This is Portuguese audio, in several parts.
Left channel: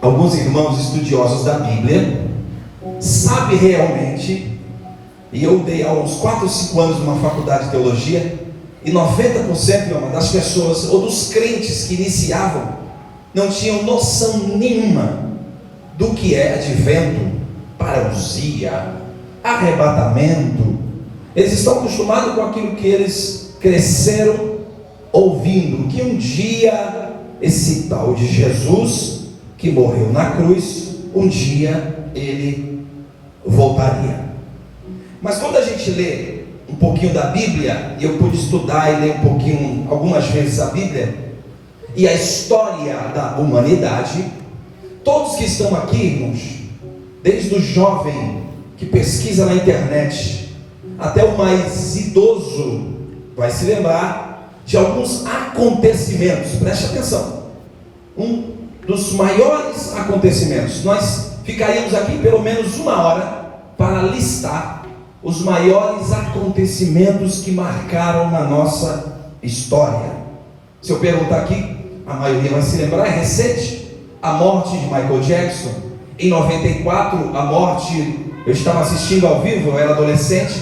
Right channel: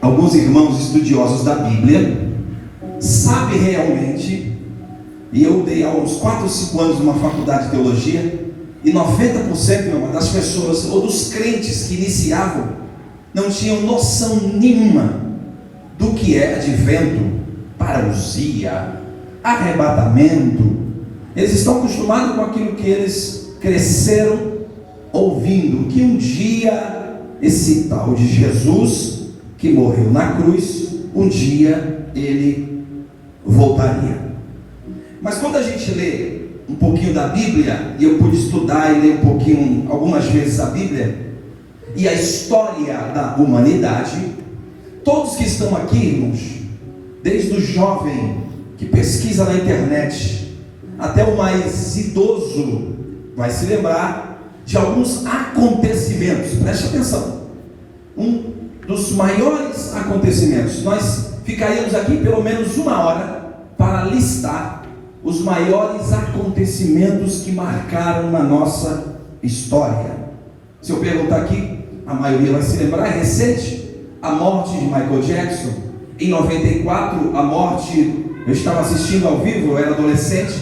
alguns irmãos estudiosos da Bíblia sabem realmente, e eu dei há uns 4 ou 5 anos numa faculdade de teologia, e 90% das pessoas, ou dos crentes que iniciavam, não tinham noção nenhuma do que é advento, parousia, arrebatamento. Eles estão acostumados com aquilo que eles cresceram ouvindo, que um dia esse tal de Jesus, que morreu na cruz, um dia ele voltaria. Mas quando a gente lê um pouquinho da Bíblia, e eu pude estudar e ler um pouquinho, algumas vezes a Bíblia, e a história da humanidade, todos que estão aqui, irmãos, desde o jovem que pesquisa na internet, até o mais idoso, vai se lembrar de alguns acontecimentos. Preste atenção. Um dos maiores acontecimentos, nós ficaríamos aqui pelo menos 1 hora para listar os maiores acontecimentos que marcaram na nossa história. Se eu perguntar aqui, a maioria vai se lembrar, é recente, a morte de Michael Jackson. Em 94, a morte, eu estava assistindo ao vivo, eu era adolescente,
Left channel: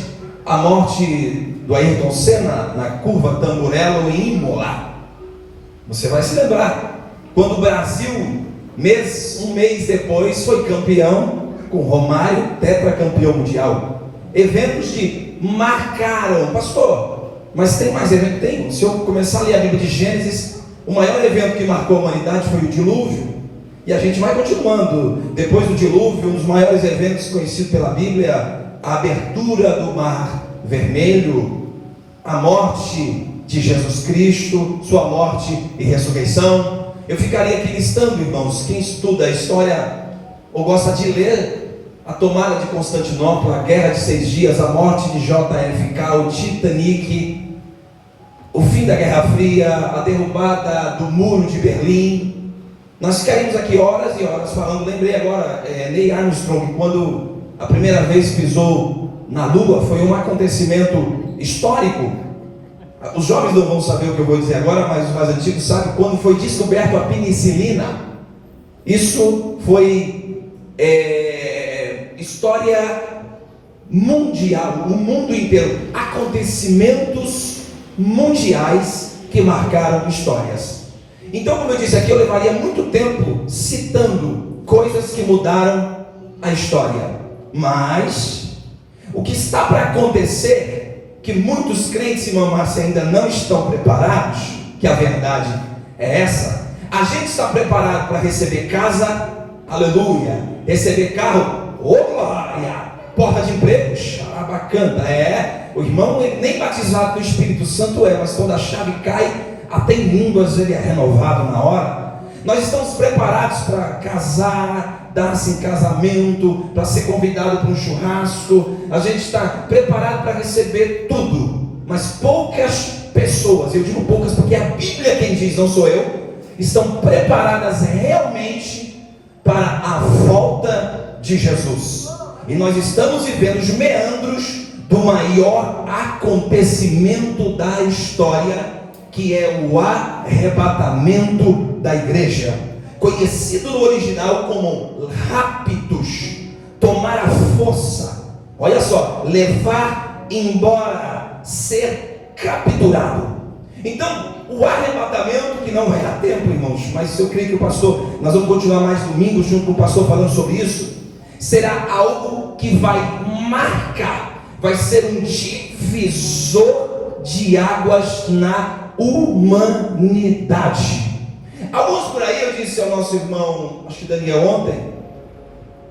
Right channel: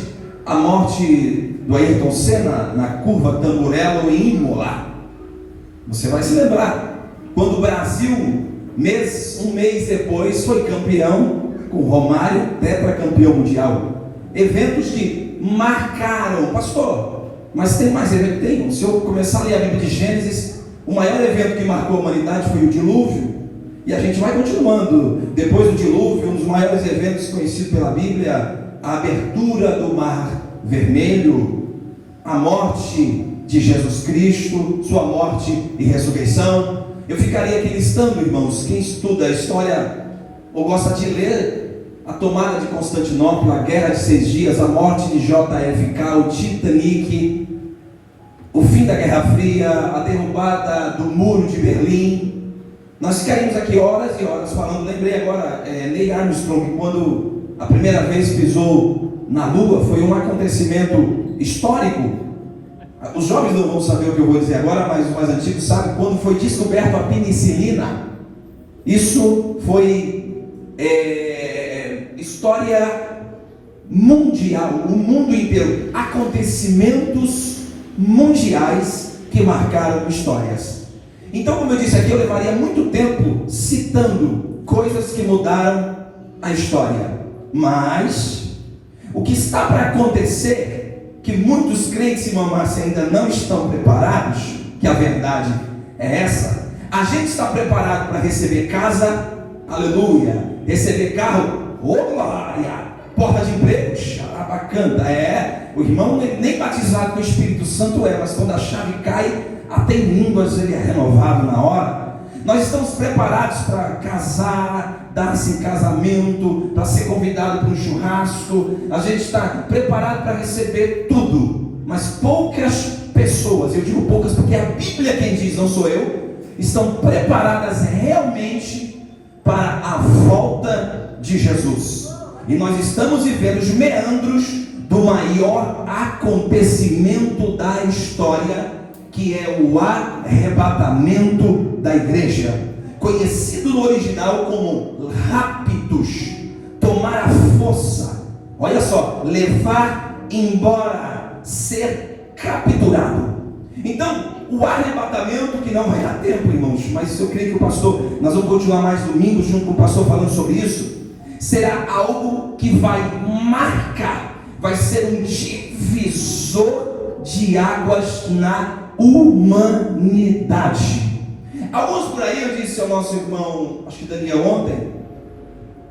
a morte do Ayrton Senna na curva Tamburello em Imola. Você vai se lembrar, quando o Brasil, um mês depois, foi campeão com Romário, tetracampeão mundial. Eventos que marcaram, pastor, mas tem mais evento? Tem. Se eu começar a ler a Bíblia de Gênesis, o maior evento que marcou a humanidade foi o dilúvio, e a gente vai continuando. Depois do dilúvio, um dos maiores eventos conhecidos pela Bíblia, a abertura do Mar Vermelho, a morte de Jesus Cristo, sua morte e ressurreição. Eu ficaria aqui listando, irmãos, quem estuda a história ou gosta de ler, a tomada de Constantinopla, a Guerra de 6 Dias, a morte de JFK, o Titanic, o fim da Guerra Fria, a derrubada do Muro de Berlim. Nós ficaríamos aqui horas e horas falando. Lembrei agora, Neil Armstrong, quando a primeira vez pisou na Lua, foi um acontecimento histórico. Os jovens não vão saber o que eu vou dizer agora, mas os mais antigos sabem quando foi descoberto a penicilina. Isso foi história mundial, o mundo inteiro, acontecimentos mundiais que marcaram histórias. Então, como eu disse aqui, eu levaria muito tempo citando coisas que mudaram a história, mas o que está para acontecer, que muitos crentes, irmã Márcia, ainda não estão preparados, que a verdade é essa. A gente está preparado para receber casa, aleluia, receber carro, ô glória, porta de emprego, bacana, o irmão ele nem batizado com o Espírito Santo mas quando a chave cai, até em línguas ele é renovado na hora. Nós estamos preparados para casar, dar-se em casamento, para ser convidado para um churrasco. A gente está preparado para receber tudo, mas poucas pessoas, eu digo poucas porque é a Bíblia quem diz, não sou eu, estão preparadas realmente para a volta de Jesus. E nós estamos vivendo os meandros do maior acontecimento da história, que é o arrebatamento da igreja, conhecido no original como raptus, tomar a força, olha só, levar embora, ser capturado. Então, o arrebatamento, que não vai dar tempo, irmãos, mas eu creio que o pastor, nós vamos continuar mais domingos junto com o pastor falando sobre isso, será algo que vai marcar, vai ser um divisor de águas na humanidade. Alguns por aí, eu disse ao nosso irmão, acho que Daniel ontem,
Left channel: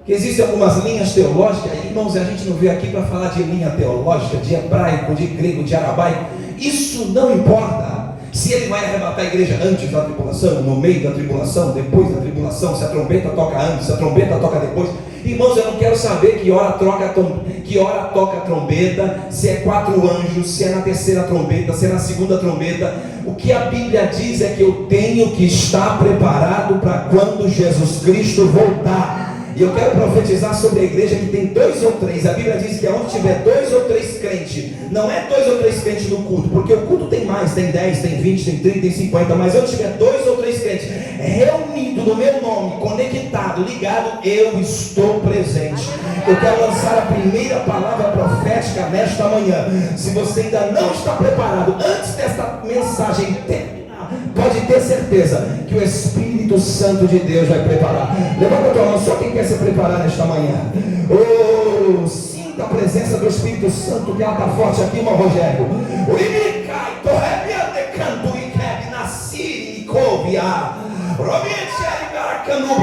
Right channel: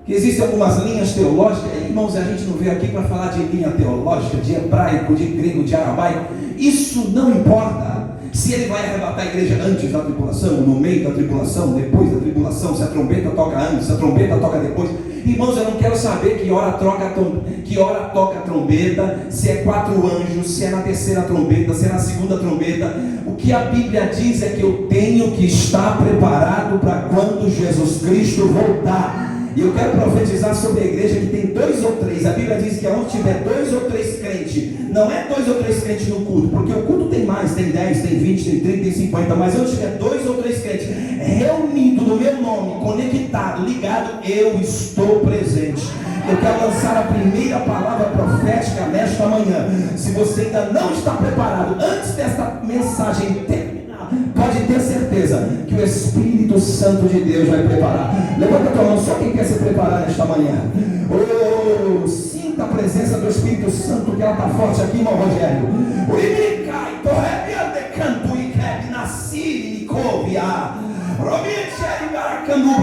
que existem algumas linhas teológicas. Irmãos, a gente não veio aqui para falar de linha teológica, de hebraico, de grego, de aramaico. Isso não importa. Se ele vai arrebatar a igreja antes da tribulação, no meio da tribulação, depois da tribulação, se a trombeta toca antes, se a trombeta toca depois. Irmãos, eu não quero saber que hora toca a trombeta, se é 4 anjos, se é na terceira trombeta, se é na segunda trombeta. O que a Bíblia diz é que eu tenho que estar preparado para quando Jesus Cristo voltar. E eu quero profetizar sobre a igreja que tem 2 ou 3. A Bíblia diz que onde tiver 2 ou 3 crentes, não é 2 ou 3 crentes no culto, porque o culto tem mais, tem 10, tem 20, tem 30, tem 50, mas onde tiver 2 ou 3 crentes reunidos no meu nome, conectado, ligado, eu estou presente. Eu quero lançar a primeira palavra profética nesta manhã. Se você ainda não está preparado, antes desta mensagem terminar, pode ter certeza que o Espírito Santo de Deus vai preparar. Levanta a tua mão, só quem quer se preparar nesta manhã. Oh, sinta a presença do Espírito Santo, que ela está forte aqui, irmão Rogério.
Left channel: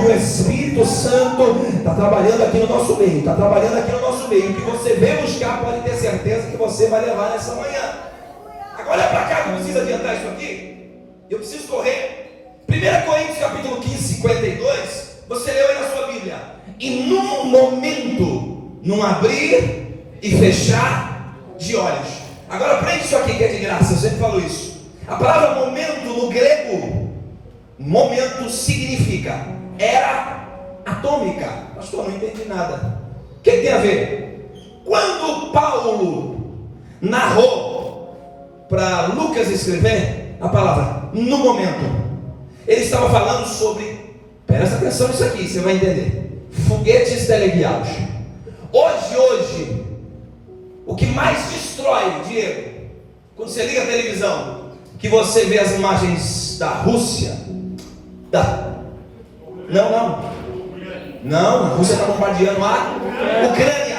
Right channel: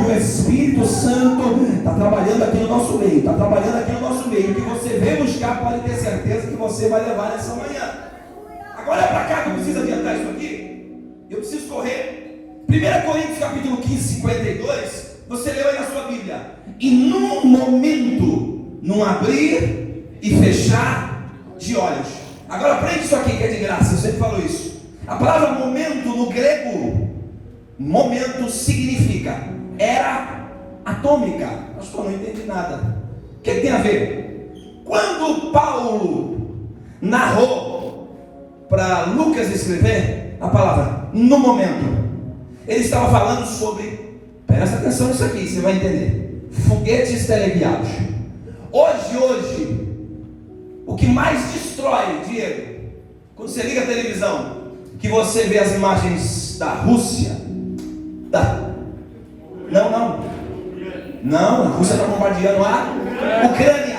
O Espírito Santo está trabalhando aqui no nosso meio, está trabalhando aqui no nosso meio. O que você vem buscar, pode ter certeza que você vai levar nessa manhã. Agora é para cá, que eu preciso adiantar isso aqui. Eu preciso correr. 1 Coríntios capítulo 15, 52. Você leu aí na sua Bíblia. E num momento, num abrir e fechar de olhos. Agora aprende isso aqui que é de graça, eu sempre falo isso. A palavra momento no grego, momento significa era atômica. Pastor, não entendi nada. O que tem a ver? Quando Paulo narrou para Lucas escrever a palavra no momento, ele estava falando sobre, presta atenção nisso aqui, você vai entender, foguetes teleguiados. Hoje, o que mais destrói, Diego, quando você liga a televisão, que você vê as imagens da Rússia, Não, a Rússia está bombardeando a Ucrânia.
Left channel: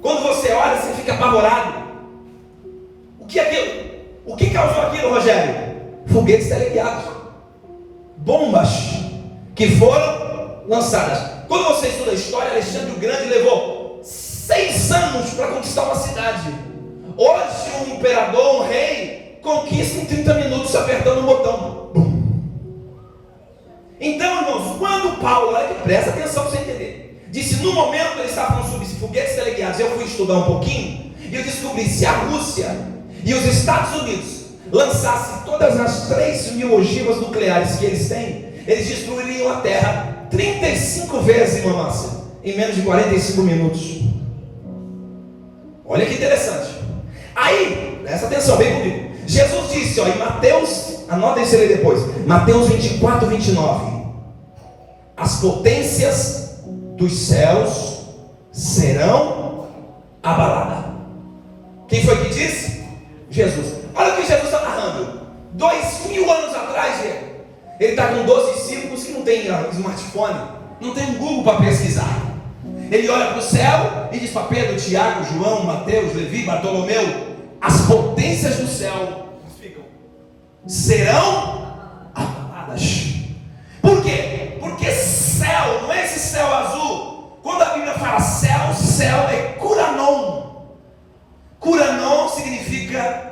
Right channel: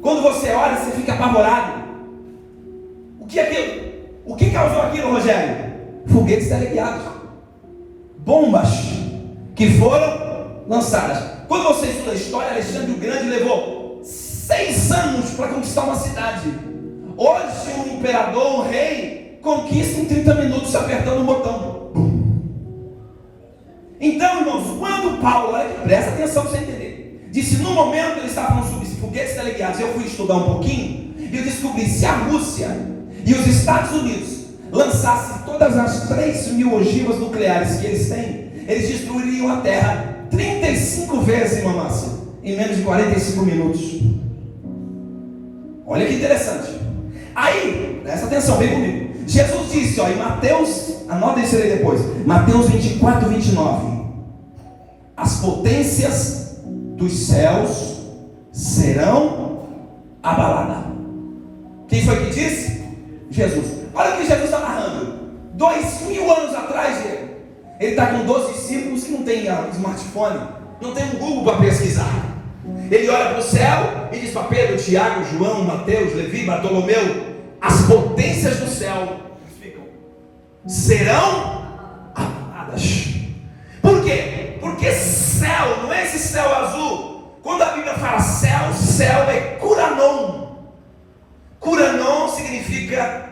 Quando você olha, você fica apavorado. O que é aquilo? O que causou aquilo, Rogério? Foguetes teleguiados, bombas que foram lançadas. Quando você estuda a história, Alexandre o Grande levou 6 anos para conquistar uma cidade. Hoje um imperador, um rei, conquista em 30 minutos apertando o botão. Então, irmãos, quando Paulo, olha que presta atenção para você entender, disse no momento ele estava falando sobre foguetes teleguiados, eu fui estudar um pouquinho e eu descobri se a Rússia e os Estados Unidos lançassem todas as 3.000 ogivas nucleares que eles têm, eles destruiriam a Terra 35 vezes, irmã Márcia, em menos de 45 minutos. Olha que interessante. Aí, presta atenção, vem comigo. Jesus disse, em Mateus, anota isso aí depois, Mateus 24, 29, as potências dos céus serão abaladas. Quem foi que disse? Jesus. Olha o que Jesus está narrando. 2.000 anos atrás, ele está com 12 discípulos que não tem smartphone, não tem um Google para pesquisar. Ele olha para o céu e diz para Pedro, Tiago, João, Mateus, Levi, Bartolomeu, as potências do céu serão abaladas. Por quê? Porque céu não é esse céu azul. Quando a Bíblia fala céu, céu é Curanon. Curanon significa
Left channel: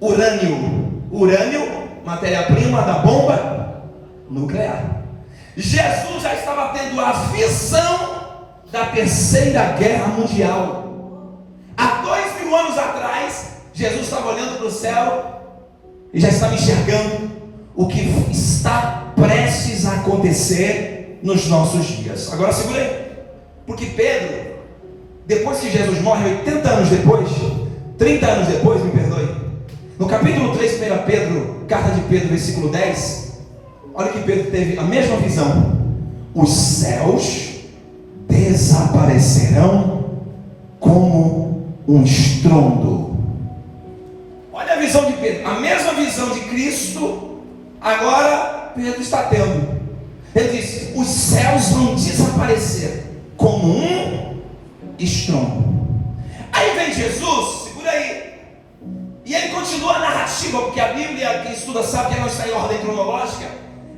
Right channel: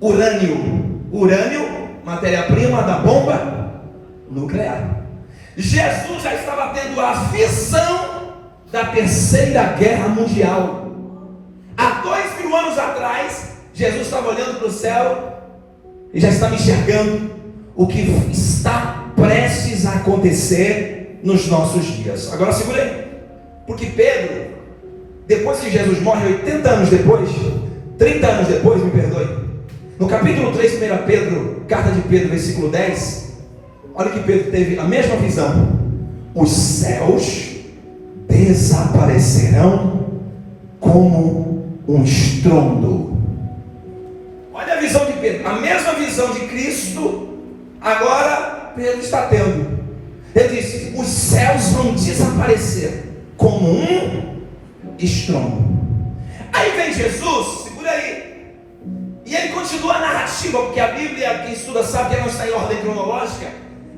urânio. Urânio, matéria-prima da bomba nuclear. Jesus já estava tendo a visão da Terceira Guerra Mundial. Há 2.000 anos atrás, Jesus estava olhando para o céu e já estava enxergando o que está prestes a acontecer nos nossos dias. Agora segura aí, porque Pedro, depois que Jesus morre, 80 anos depois, 30 anos depois, me perdoe, no capítulo 3, 1 Pedro, carta de Pedro, versículo 10, olha que Pedro teve a mesma visão. Os céus desaparecerão como um estrondo. Olha a visão de Pedro, a mesma visão de Cristo, agora Pedro está tendo. Ele disse: os céus vão desaparecer como um estrondo. Aí vem Jesus, segura aí, e ele continua a narrativa, porque a Bíblia, quem estuda sabe que ela está em ordem cronológica,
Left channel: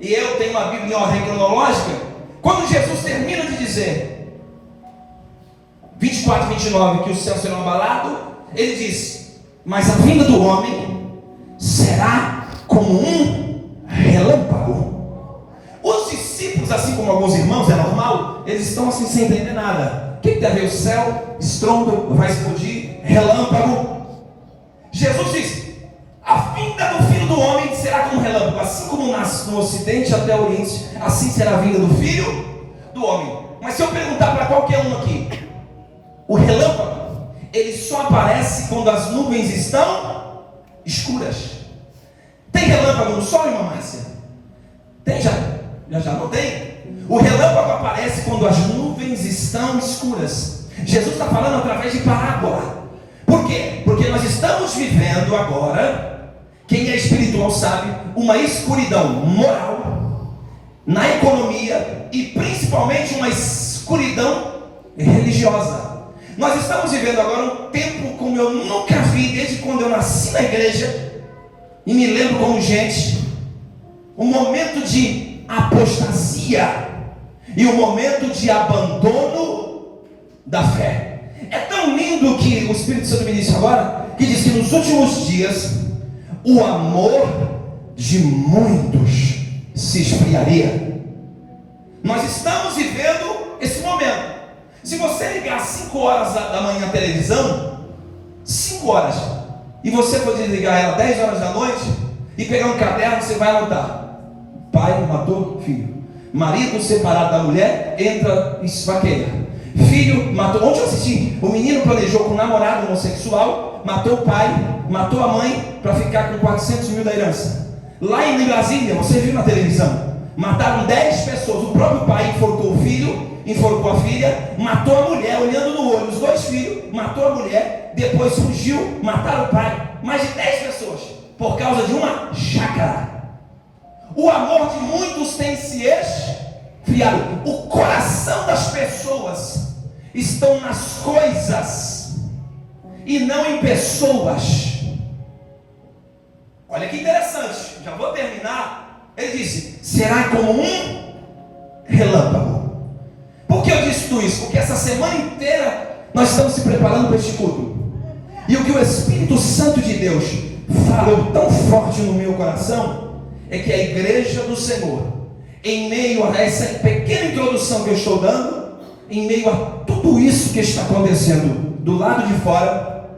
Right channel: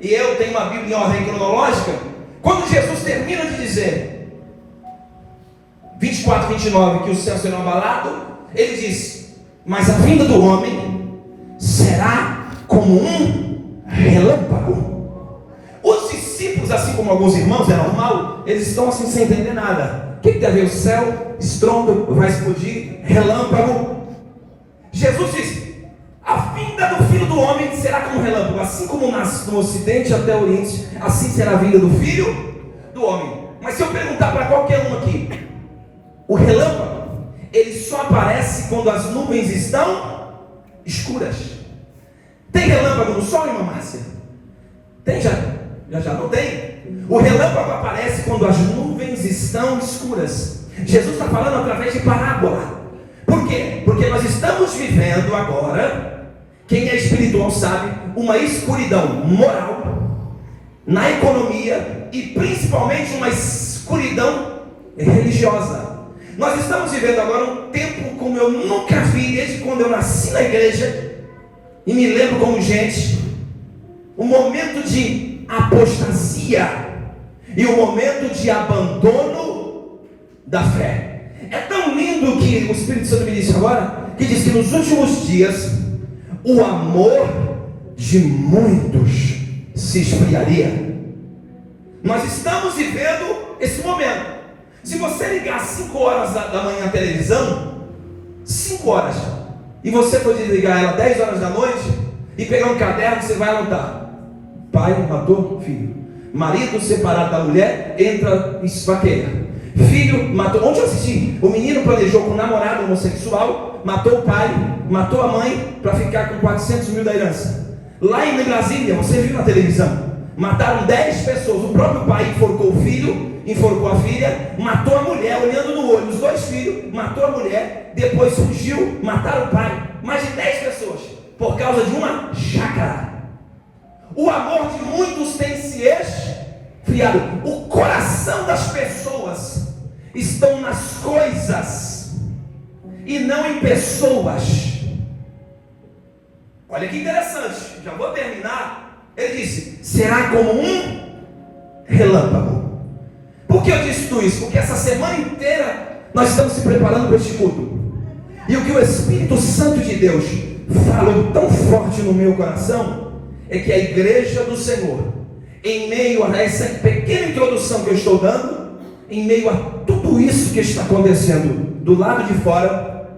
e eu tenho uma Bíblia em ordem cronológica. Quando Jesus termina de dizer 24, 29, que os céus serão abalados, ele diz: mas a vinda do homem será como um relâmpago. Os discípulos, assim como alguns irmãos, é normal, eles estão assim sem entender nada. O que tem a ver? O céu, estrondo, vai explodir, relâmpago. Jesus diz: a vinda do Filho do Homem será como um relâmpago. Assim como nasce no ocidente até o oriente, assim será a vinda do Filho do Homem. Mas se eu perguntar para qualquer um aqui, o relâmpago, ele só aparece quando as nuvens estão escuras. Tem relâmpago no sol, irmã Márcia? Tem já não tem? relâmpago aparece quando as nuvens estão escuras. Jesus está falando através de parábola. Por quê? Porque nós estamos vivendo agora, quem é espiritual sabe, uma escuridão moral, na economia e principalmente uma escuridão religiosa. Nós estamos vivendo agora um tempo como eu nunca vi desde quando eu nasci na igreja e me lembro como gente, um momento de apostasia e um momento de abandono da fé. É tão lindo que o Espírito Santo me disse agora, que diz que nos últimos dias o amor de muitos se esfriaria. Nós estamos vivendo esse momento. Se você ligar às 5 horas da manhã a televisão, 5 horas, e você for desligar ela 10 horas da noite, e pegar um caderno, você vai anotar: pai matou filho, marido separado da mulher, entra e esfaqueia. Filho matou. Ontem eu assisti, o menino planejou com um namorado homossexual, matou o pai, matou a mãe para ficar com 400 mil da herança. Lá em Brasília, você viu na televisão, mataram 10 pessoas. O próprio pai enforcou o filho, enforcou a filha, matou a mulher olhando no olho, os 2 filhos, matou a mulher, depois fugiu, mataram o pai. Mais de 10 pessoas por causa de uma chácara. O amor de muitos tem se esfriado. O coração das pessoas estão nas coisas e não em pessoas. Olha que interessante, já vou terminar. Ele disse: será como um relâmpago. Por que eu disse tudo isso? Porque essa semana inteira nós estamos se preparando para este culto. E o que o Espírito Santo de Deus falou tão forte no meu coração é que a igreja do Senhor, em meio a essa pequena introdução que eu estou dando, em meio a tudo isso que está acontecendo do lado de fora,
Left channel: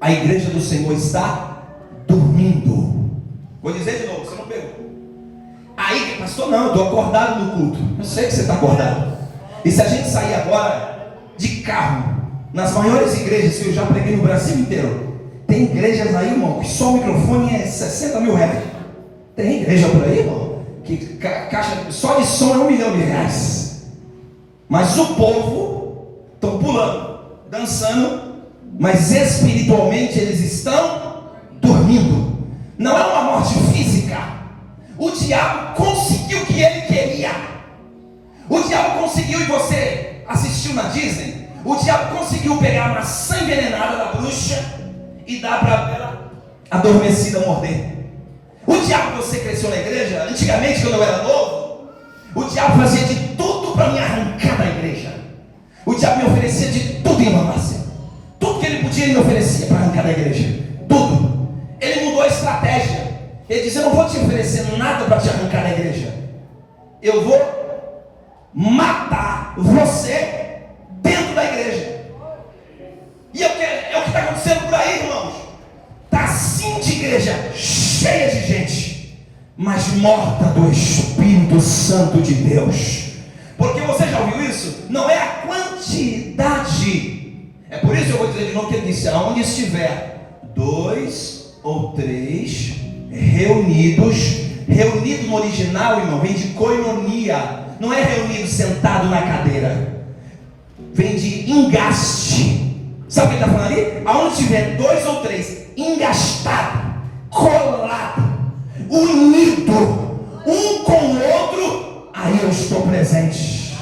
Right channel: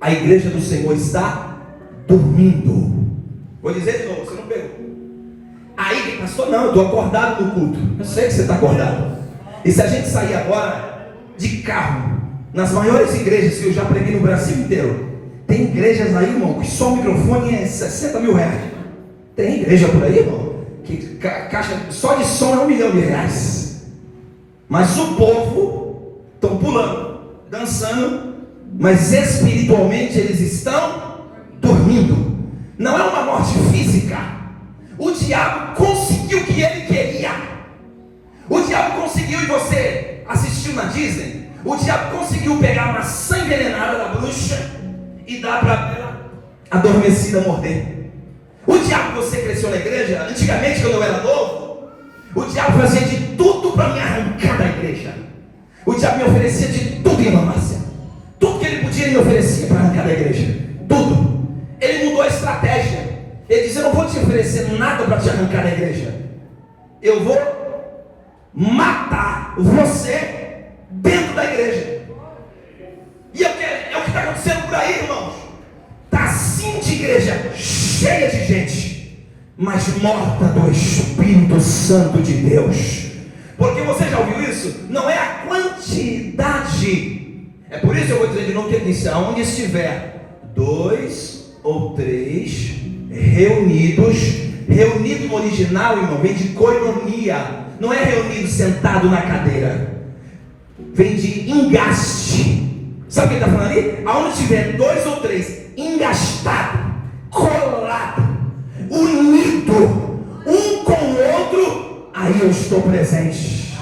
a igreja do Senhor está dormindo. Vou dizer de novo, você não pegou. Aí, pastor, não, eu estou acordado no culto. Eu sei que você está acordado. E se a gente sair agora de carro, nas maiores igrejas que eu já preguei no Brasil inteiro, tem igrejas aí, irmão, que só o microfone é 60 mil reais. Tem igreja por aí, irmão, que caixa só de som é R$1 milhão. Mas o povo estão pulando, dançando, mas espiritualmente eles estão dormindo. Não é uma morte física. O diabo conseguiu o que ele queria. O diabo conseguiu, e você assistiu na Disney, o diabo conseguiu pegar uma maçã envenenada da bruxa e dar para ela adormecida morder. O diabo, você cresceu na igreja, antigamente quando eu era novo, o diabo fazia de tudo para me arrancar da igreja. O diabo me oferecia de tudo, irmã Márcia. Tudo que ele podia, ele me oferecia para arrancar da igreja. Tudo. Ele mudou a estratégia. Ele disse: eu não vou te oferecer nada para te arrancar da igreja. Eu vou matar você dentro da igreja. E é o que está acontecendo por aí, irmãos. Está assim de igreja, cheia de gente, mas morta do Espírito Santo de Deus. Porque você já ouviu isso? Não é a quantidade. É por isso que eu vou dizer de novo que ele disse: aonde estiver 2 ou 3 reunidos. Reunido no original, irmão, vem de koinonia. Não é reunido sentado na cadeira, vem de engaste. Sabe o que ele está falando ali? Aonde tiver 2 ou 3 engastado, colado, unido um com o outro, aí eu estou presente.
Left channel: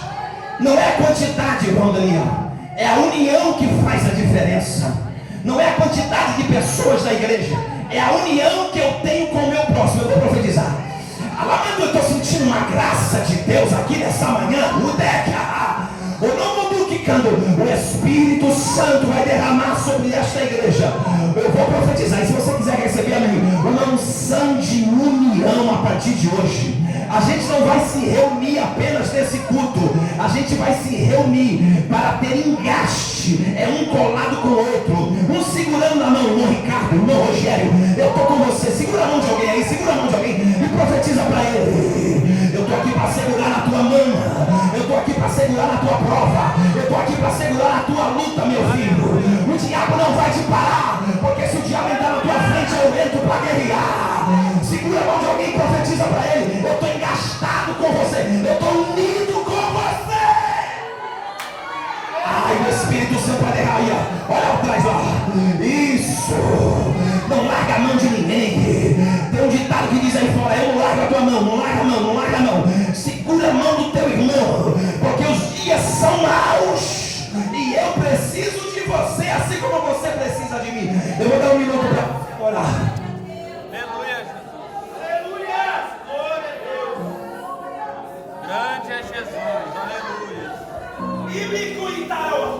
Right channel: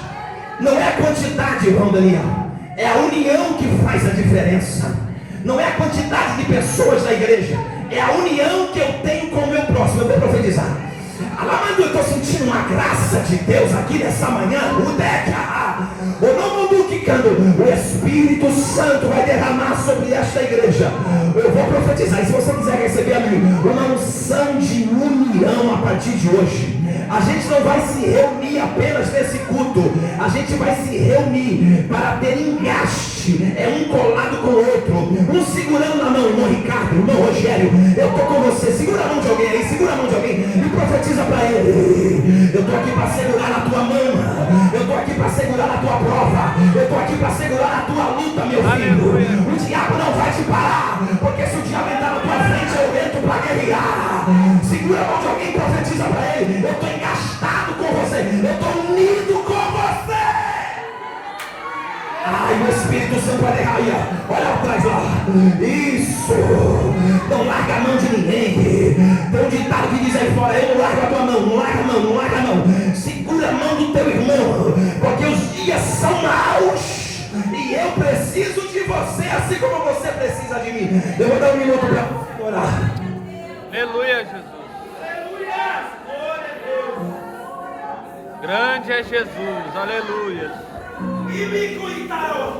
Não é a quantidade, irmão Daniel, é a união que faz a diferença. Não é a quantidade de pessoas da igreja, é a união que eu tenho com o meu próximo. Eu vou profetizar. Eu estou sentindo uma graça de Deus aqui nessa manhã. O Espírito Santo vai derramar sobre esta igreja. Eu vou profetizar. E se você quiser receber a mim, uma unção de união a partir de hoje. A gente não vai se reunir apenas nesse culto. A gente vai se reunir para ter engaste. É um colado com o outro. Um segurando na mão. Irmão Ricardo, irmão Rogério, eu estou com você. Segura a mão de alguém aí. Segura a mão de alguém e profetiza para ele: eu estou aqui para segurar na tua mão. Eu estou aqui para segurar na tua prova. Eu estou aqui para segurar a tua luta, meu filho. O diabo não vai te parar, porque se o diabo entrar na tua frente, eu entro para guerrear. Segura a mão de alguém e profetiza para ele: eu estou engastado com você, eu estou unido com pode errar aí, ó. Olha atrás lá. Isso. Não larga a mão de ninguém. Tem um ditado que diz aí fora: eu não largo a tua mão, não larga a mão, não larga a mão. Segura a mão do teu irmão, porque os dias são maus. E eu preciso de você, assim como você precisa de mim. Eu vou dar um minuto para orar. Aleluia, Jesus. Grande é Jesus, aleluia. E me cuidaram.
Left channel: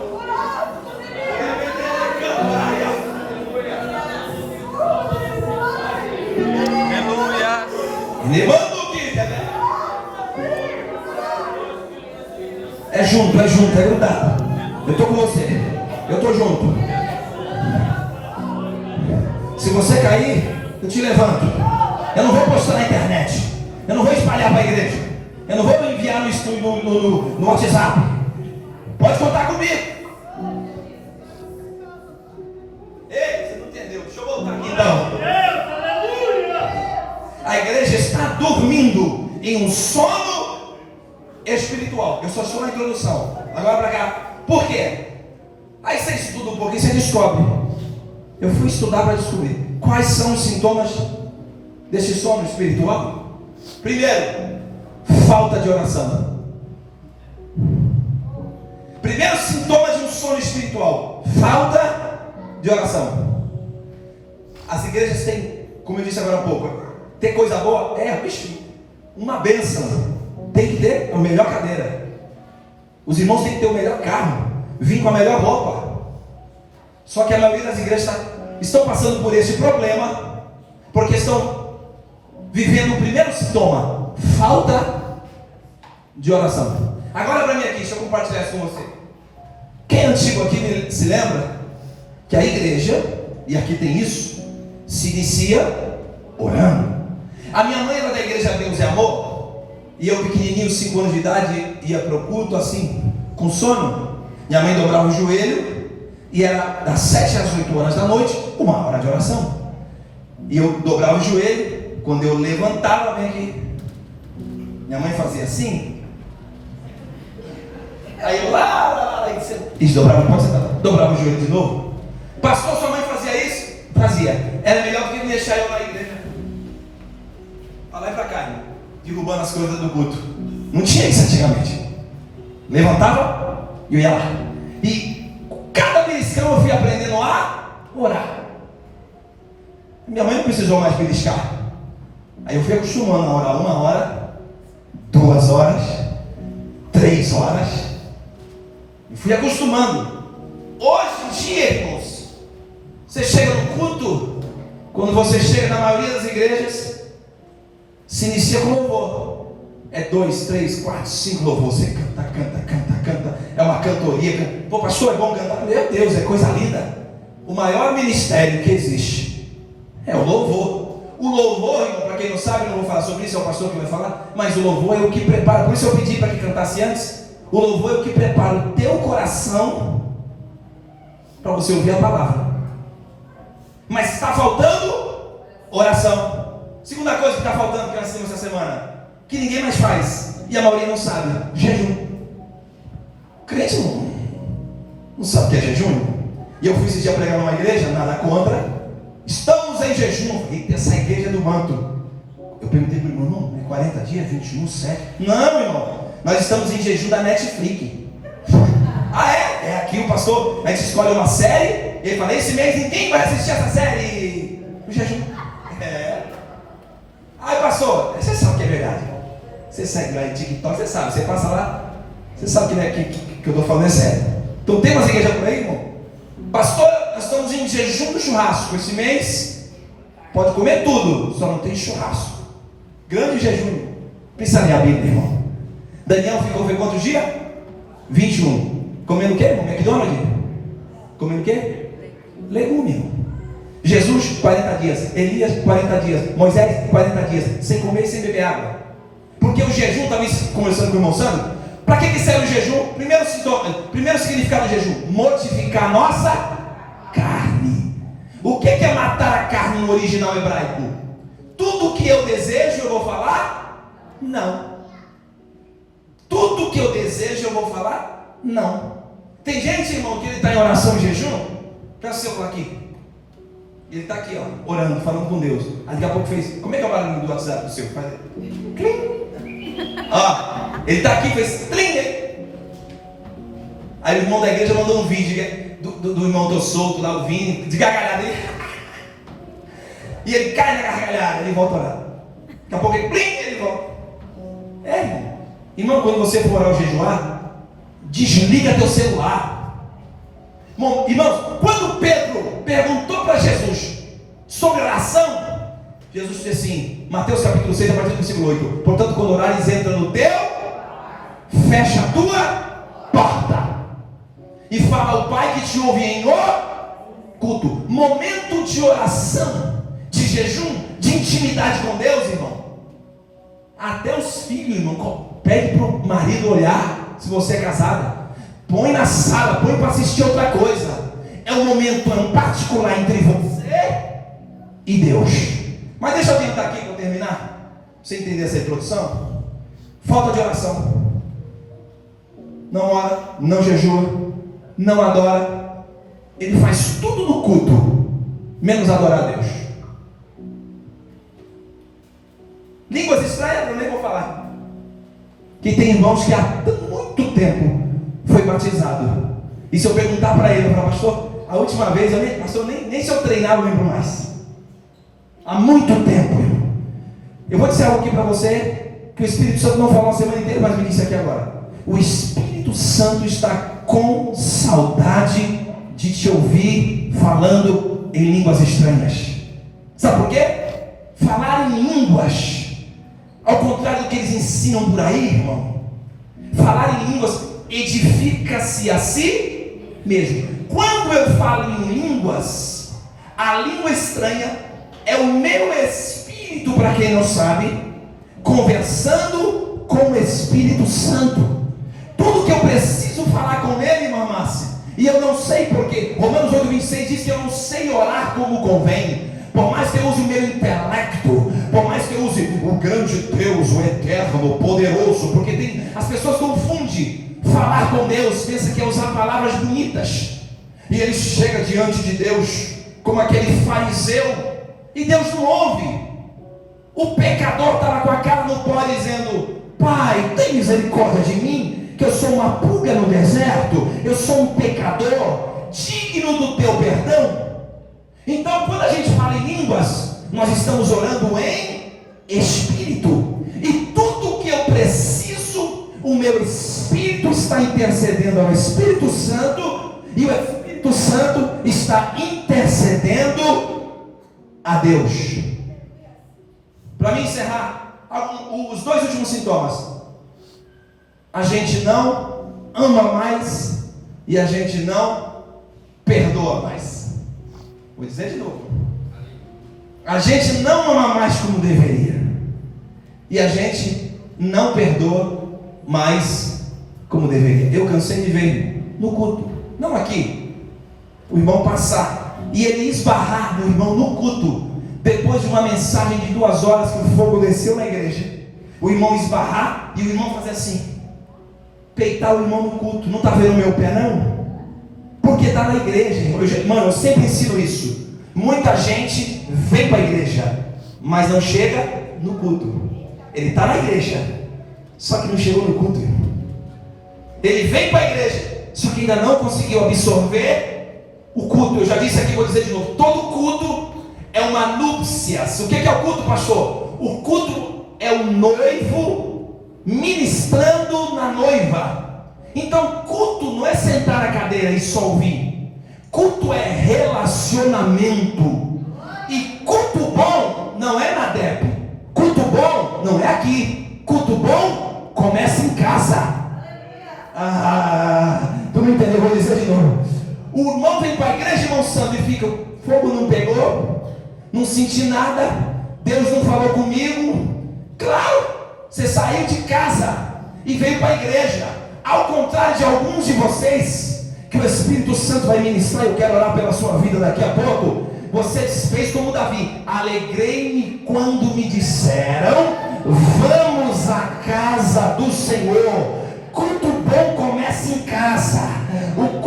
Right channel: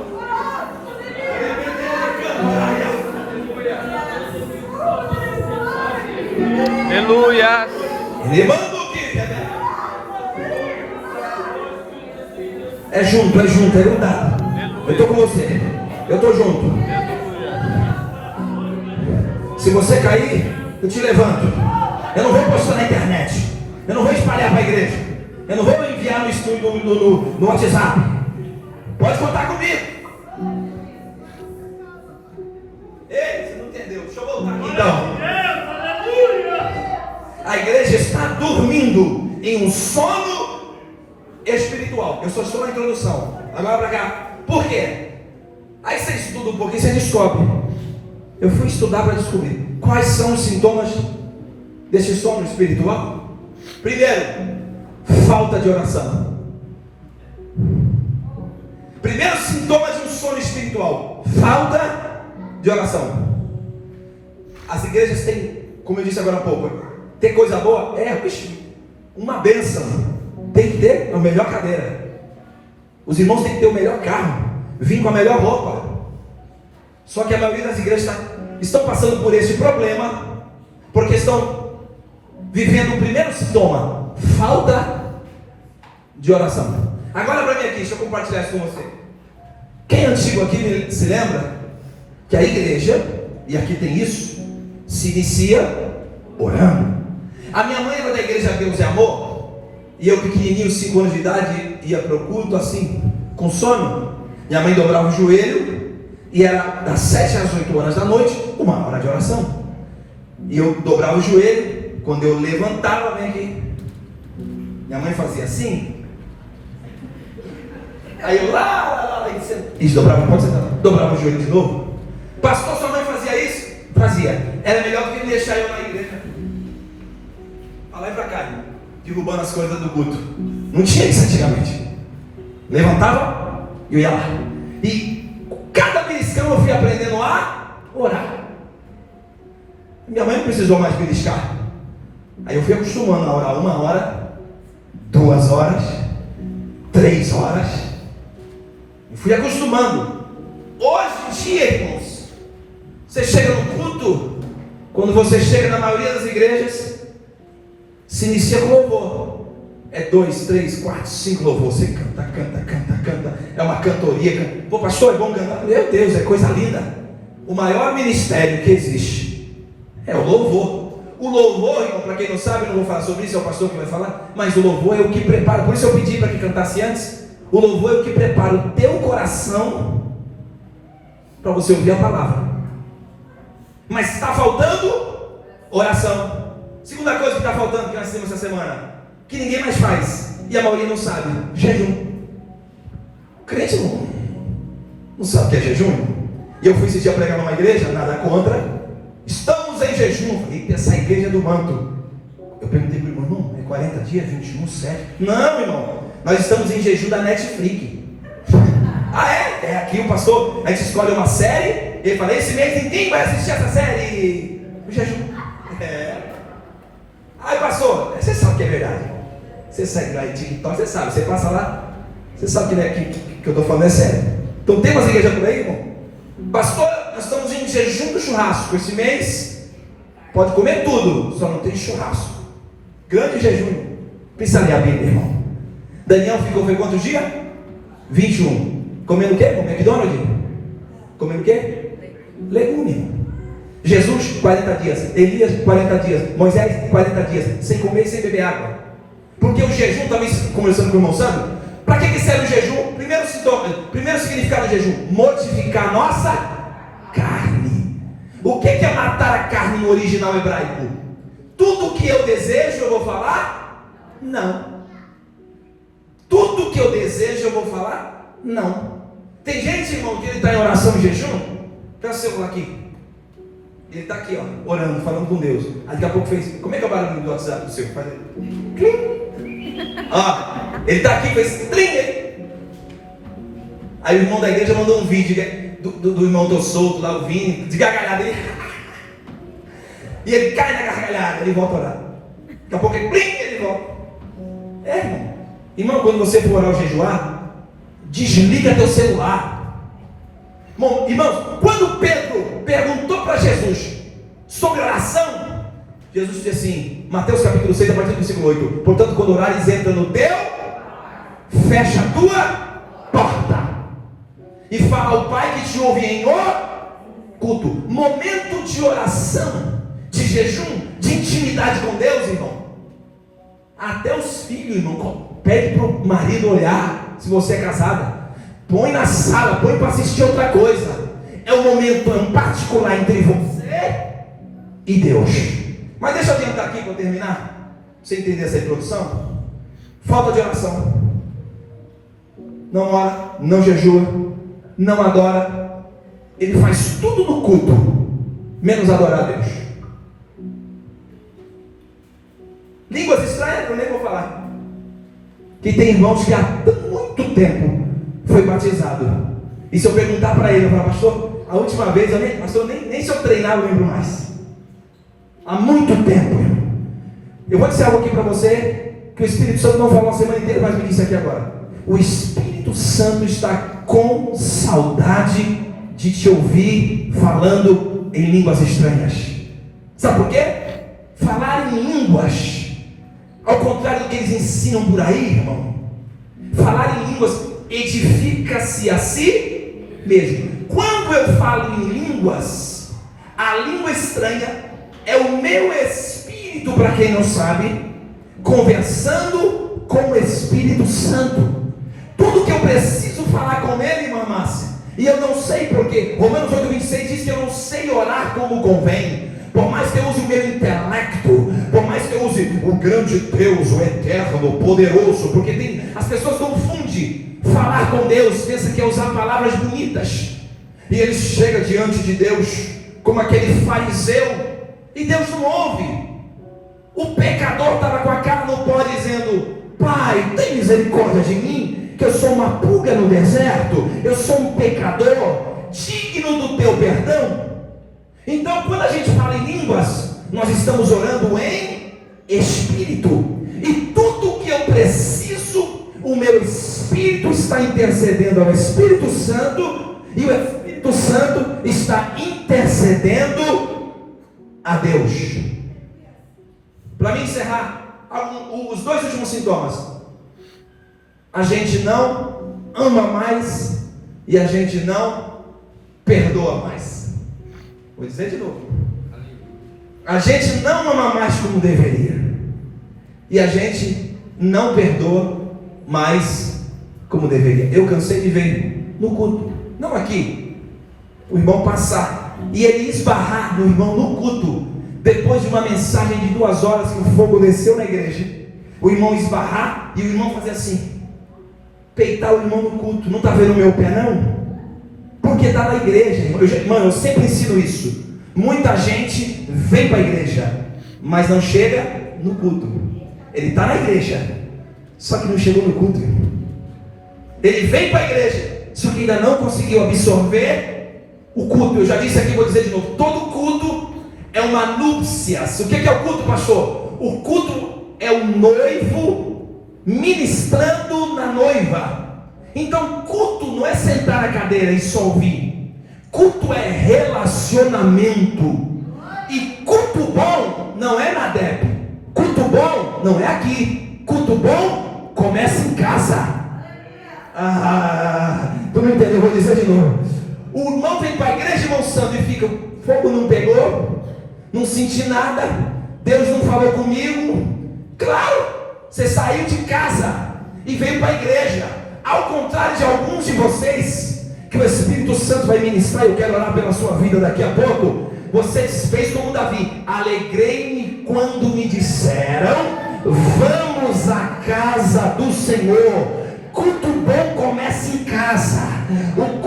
Aleluia. É junto, é grudado. Eu estou com você, eu estou junto. Se você cair, eu te levanto. Eu não vou postar na internet, eu não vou espalhar para a igreja, eu não vou enviar no WhatsApp. Pode contar comigo. Ei, você não entendeu? Deixa eu voltar aqui então. A igreja está dormindo em um sono espiritual. Eu só sou uma introdução. Agora para cá. Por quê? Aí você estuda um pouquinho, você descobre. Eu fui estudar para descobrir quais são os sintomas desse sono espiritual. Primeiro, falta de oração. Primeiro sintoma de um sono espiritual: falta de oração. As igrejas têm, como eu disse agora há pouco, tem coisa boa? Uma bênção. Tem que ter a melhor cadeira. Os irmãos têm que ter o melhor carro, vir com a melhor roupa. Só que a maioria das igrejas estão passando por esse problema, porque estão vivendo o primeiro sintoma: falta de oração. Agora para mim aqui, deixa eu compartilhar isso com você. Quem é antigo aqui se lembra que a igreja, e aqui tem isso, se inicia orando. A minha mãe era da igreja Deus e Amor, e eu pequenininho, 5 anos de idade, ia para o culto assim, com sono. Minha mãe dobrava o joelho, e era das 7 às 8 horas da noite, 1 hora de oração. E eu dobrava o joelho, quando eu levantava, vem aqui, minha mãe fazia assim. Aí eu lá, isso, dobrava o joelho de novo. Pastor, sua mãe fazia isso? Fazia. Era melhor do que me deixar eu na igreja. Lá e pra cá, derrubando as coisas do culto. Não tinha isso antigamente. Levantava e eu ia lá. E cada beliscão eu fui aprendendo a orar. Minha mãe não precisou mais beliscar. Aí eu fui acostumando a orar 1 hora, 2 horas, 3 horas. E fui acostumando. Hoje em dia, irmãos, você chega no culto, quando você chega na maioria das igrejas, se inicia com louvor. É 2, 3, 4, 5 louvor. Você canta. É uma cantoria. Pô, pastor, é bom cantar. Meu Deus, é coisa linda. O maior ministério que existe é o louvor. O louvor, irmão, para quem não sabe, não vou falar sobre isso, é o pastor que vai falar, mas o louvor é o que prepara. Por isso eu pedi para que cantasse antes. O louvor é o que prepara o teu coração para você ouvir a palavra. Mas está faltando oração. Segunda coisa que está faltando, que nós temos essa semana, que ninguém mais faz, e a maioria não sabe: jejum. O crente não sabe o que é jejum. E eu fui esse dia pregar numa igreja, nada contra. Estamos em jejum. Eita, essa igreja é do manto. Eu perguntei para o irmão: é 40 dias, 21, 7? Não, irmão, nós estamos em jejum da Netflix. Ah, é? É aqui o pastor, a gente escolhe uma série, ele fala: esse mês ninguém vai assistir essa série. O jejum. Aí, pastor, você sabe que é verdade. Você segue lá em TikTok, você sabe, você passa lá, você sabe que eu estou falando é sério. Então tem umas igrejas por aí, irmão. Pastor, nós estamos em jejum do churrasco. Esse mês pode comer tudo, só não tem churrasco. Grande jejum. Pensa ali a Bíblia, irmão. Daniel foi quantos dias? 21. Comendo o quê? McDonald's? Comendo o quê? Legume. Jesus, 40 dias. Elias, 40 dias. Moisés, 40 dias. Sem comer e sem beber água. Porque o jejum, estava conversando com o irmão Sandro. Para que serve o jejum? Primeiro significado do jejum: mortificar a nossa carne. O que é matar a carne no original hebraico? Tudo que eu desejo, eu vou falar? Não. Tudo que eu desejo, eu vou falar? Não. Tem gente, irmão, que ele está em oração e jejum. Pega o celular aqui. Ele está aqui, ó, orando, falando com Deus. Aí daqui a pouco fez. Como é que é o barulho do WhatsApp do seu? Faz. Ó, ele está aqui, fez. Aí o irmão da igreja mandou um vídeo do irmão do solto lá, o Vini, de gargalhada. E ele cai na gargalhada, ele volta a orar. Daqui a pouco ele volta. Irmão, quando você for orar ou jejuar, desliga teu celular. Bom, irmãos, quando Pedro perguntou para Jesus sobre oração, Jesus disse assim, Mateus capítulo 6, a partir do versículo 8: portanto, quando orares, entra no teu, fecha a tua porta e fala ao Pai que te ouve em culto. Momento de oração, de jejum, de intimidade com Deus, irmão. Até os filhos, irmão, pede para o marido olhar, se você é casada, põe na sala, põe para assistir outra coisa. É um momento particular entre você e Deus. Mas deixa eu adiantar aqui para terminar, para você entender essa introdução. Falta de oração. Não ora, não jejua, não adora. Ele faz tudo no culto, menos adorar a Deus. Línguas estranhas, eu nem vou falar. Que tem irmãos que há muito tempo foi batizado. E se eu perguntar para ele, pastor, a última vez, nem se eu treinar eu lembro mais. Há muito tempo. Eu vou dizer algo aqui para você, que o Espírito Santo não falou a semana inteira, mas me disse aqui agora. O Espírito Santo está com saudade de te ouvir falando em línguas estranhas. Sabe por quê? Falar em línguas, ao contrário do que eles ensinam por aí, irmão, falar em línguas edifica-se a si mesmo. Quando eu falo em línguas, a língua estranha é o meu espírito, para quem não sabe, conversando com o Espírito Santo. Tudo que eu preciso falar com ele, irmã Márcia, e eu não sei porque, Romanos 8,26 diz que eu não sei orar como convém. Por mais que eu use o meu intelecto, por mais que eu use o grande Deus, o eterno, o poderoso, porque as pessoas confundem falar com Deus, pensa que é usar palavras bonitas, e ele chega diante de Deus como aquele fariseu, e Deus não ouve. O pecador estava com a cara no pó dizendo: Pai, tem misericórdia de mim, que eu sou uma pulga no deserto, eu sou um pecador digno do teu perdão. Então, quando a gente fala em línguas, nós estamos orando em espírito, e tudo que eu preciso, o meu espírito está intercedendo ao Espírito Santo, e o Espírito Santo está intercedendo a Deus. Para mim encerrar, os dois últimos sintomas: a gente não ama mais e a gente não perdoa mais. Vou dizer de novo. A gente não ama mais como deveria, e a gente não perdoa mais como deveria. Eu cansei de ver no culto, não aqui, o irmão passar e ele esbarrar no irmão no culto, depois de uma mensagem de 2 horas que o fogo desceu na igreja, o irmão esbarrar e o irmão fazer assim, peitar o irmão no culto. Não está vendo o meu pé não? Porque está na igreja, irmão. Eu sempre ensino isso. Muita gente vem para a igreja, mas não chega no culto. Ele está na igreja, só que não chegou no culto. Ele vem para a igreja, só que ainda não conseguiu absorver o culto. Eu já disse aqui, vou dizer de novo: todo culto é uma núpcias. O que é o culto, pastor? O culto é o noivo ministrando na noiva. Então, culto não é sentar na cadeira e só ouvir. Culto é relacionamento. E culto bom não é na DEP. Culto bom não é aqui. Culto bom começa em casa. Tu não entendeu? Vou dizer de novo. O irmão vem para a igreja, irmão santo, e fica: fogo não pegou, não senti nada, Deus não falou comigo. Claro, você saiu de casa e veio para a igreja. Ao contrário de alguns de vocês, que o Espírito Santo vai ministrar, eu quero orar pela sua vida daqui a pouco. Você fez como Davi: alegrei-me quando me disseram, vamos à casa do Senhor. Culto bom começa em casa. O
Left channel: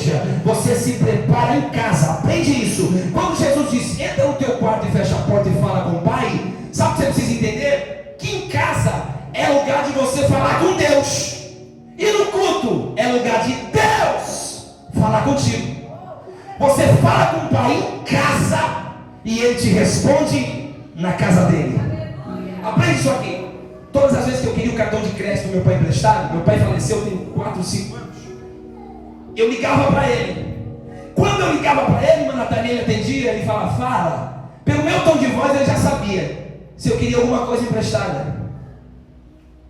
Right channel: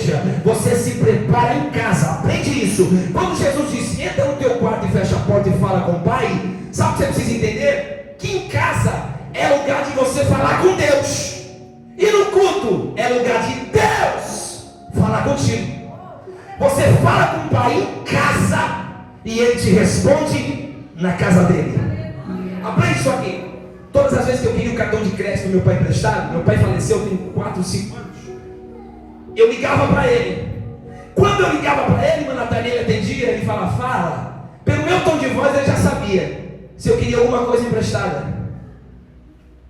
igreja, você se prepara em casa. Aprende isso. Quando Jesus disse, entra no teu quarto e fecha a porta e fala com o Pai, sabe o que você precisa entender? Que em casa é lugar de você falar com Deus, e no culto é lugar de Deus falar contigo. Você fala com o Pai em casa e Ele te responde na casa dele. Aprende isso aqui. Todas as vezes que eu queria o cartão de crédito do meu pai emprestado, meu pai faleceu tem 4, 5 anos, eu ligava para ele. Quando eu ligava para ele, meu Nathaniel atendia, ele falava, fala. Pelo meu tom de voz ele já sabia se eu queria alguma coisa emprestada.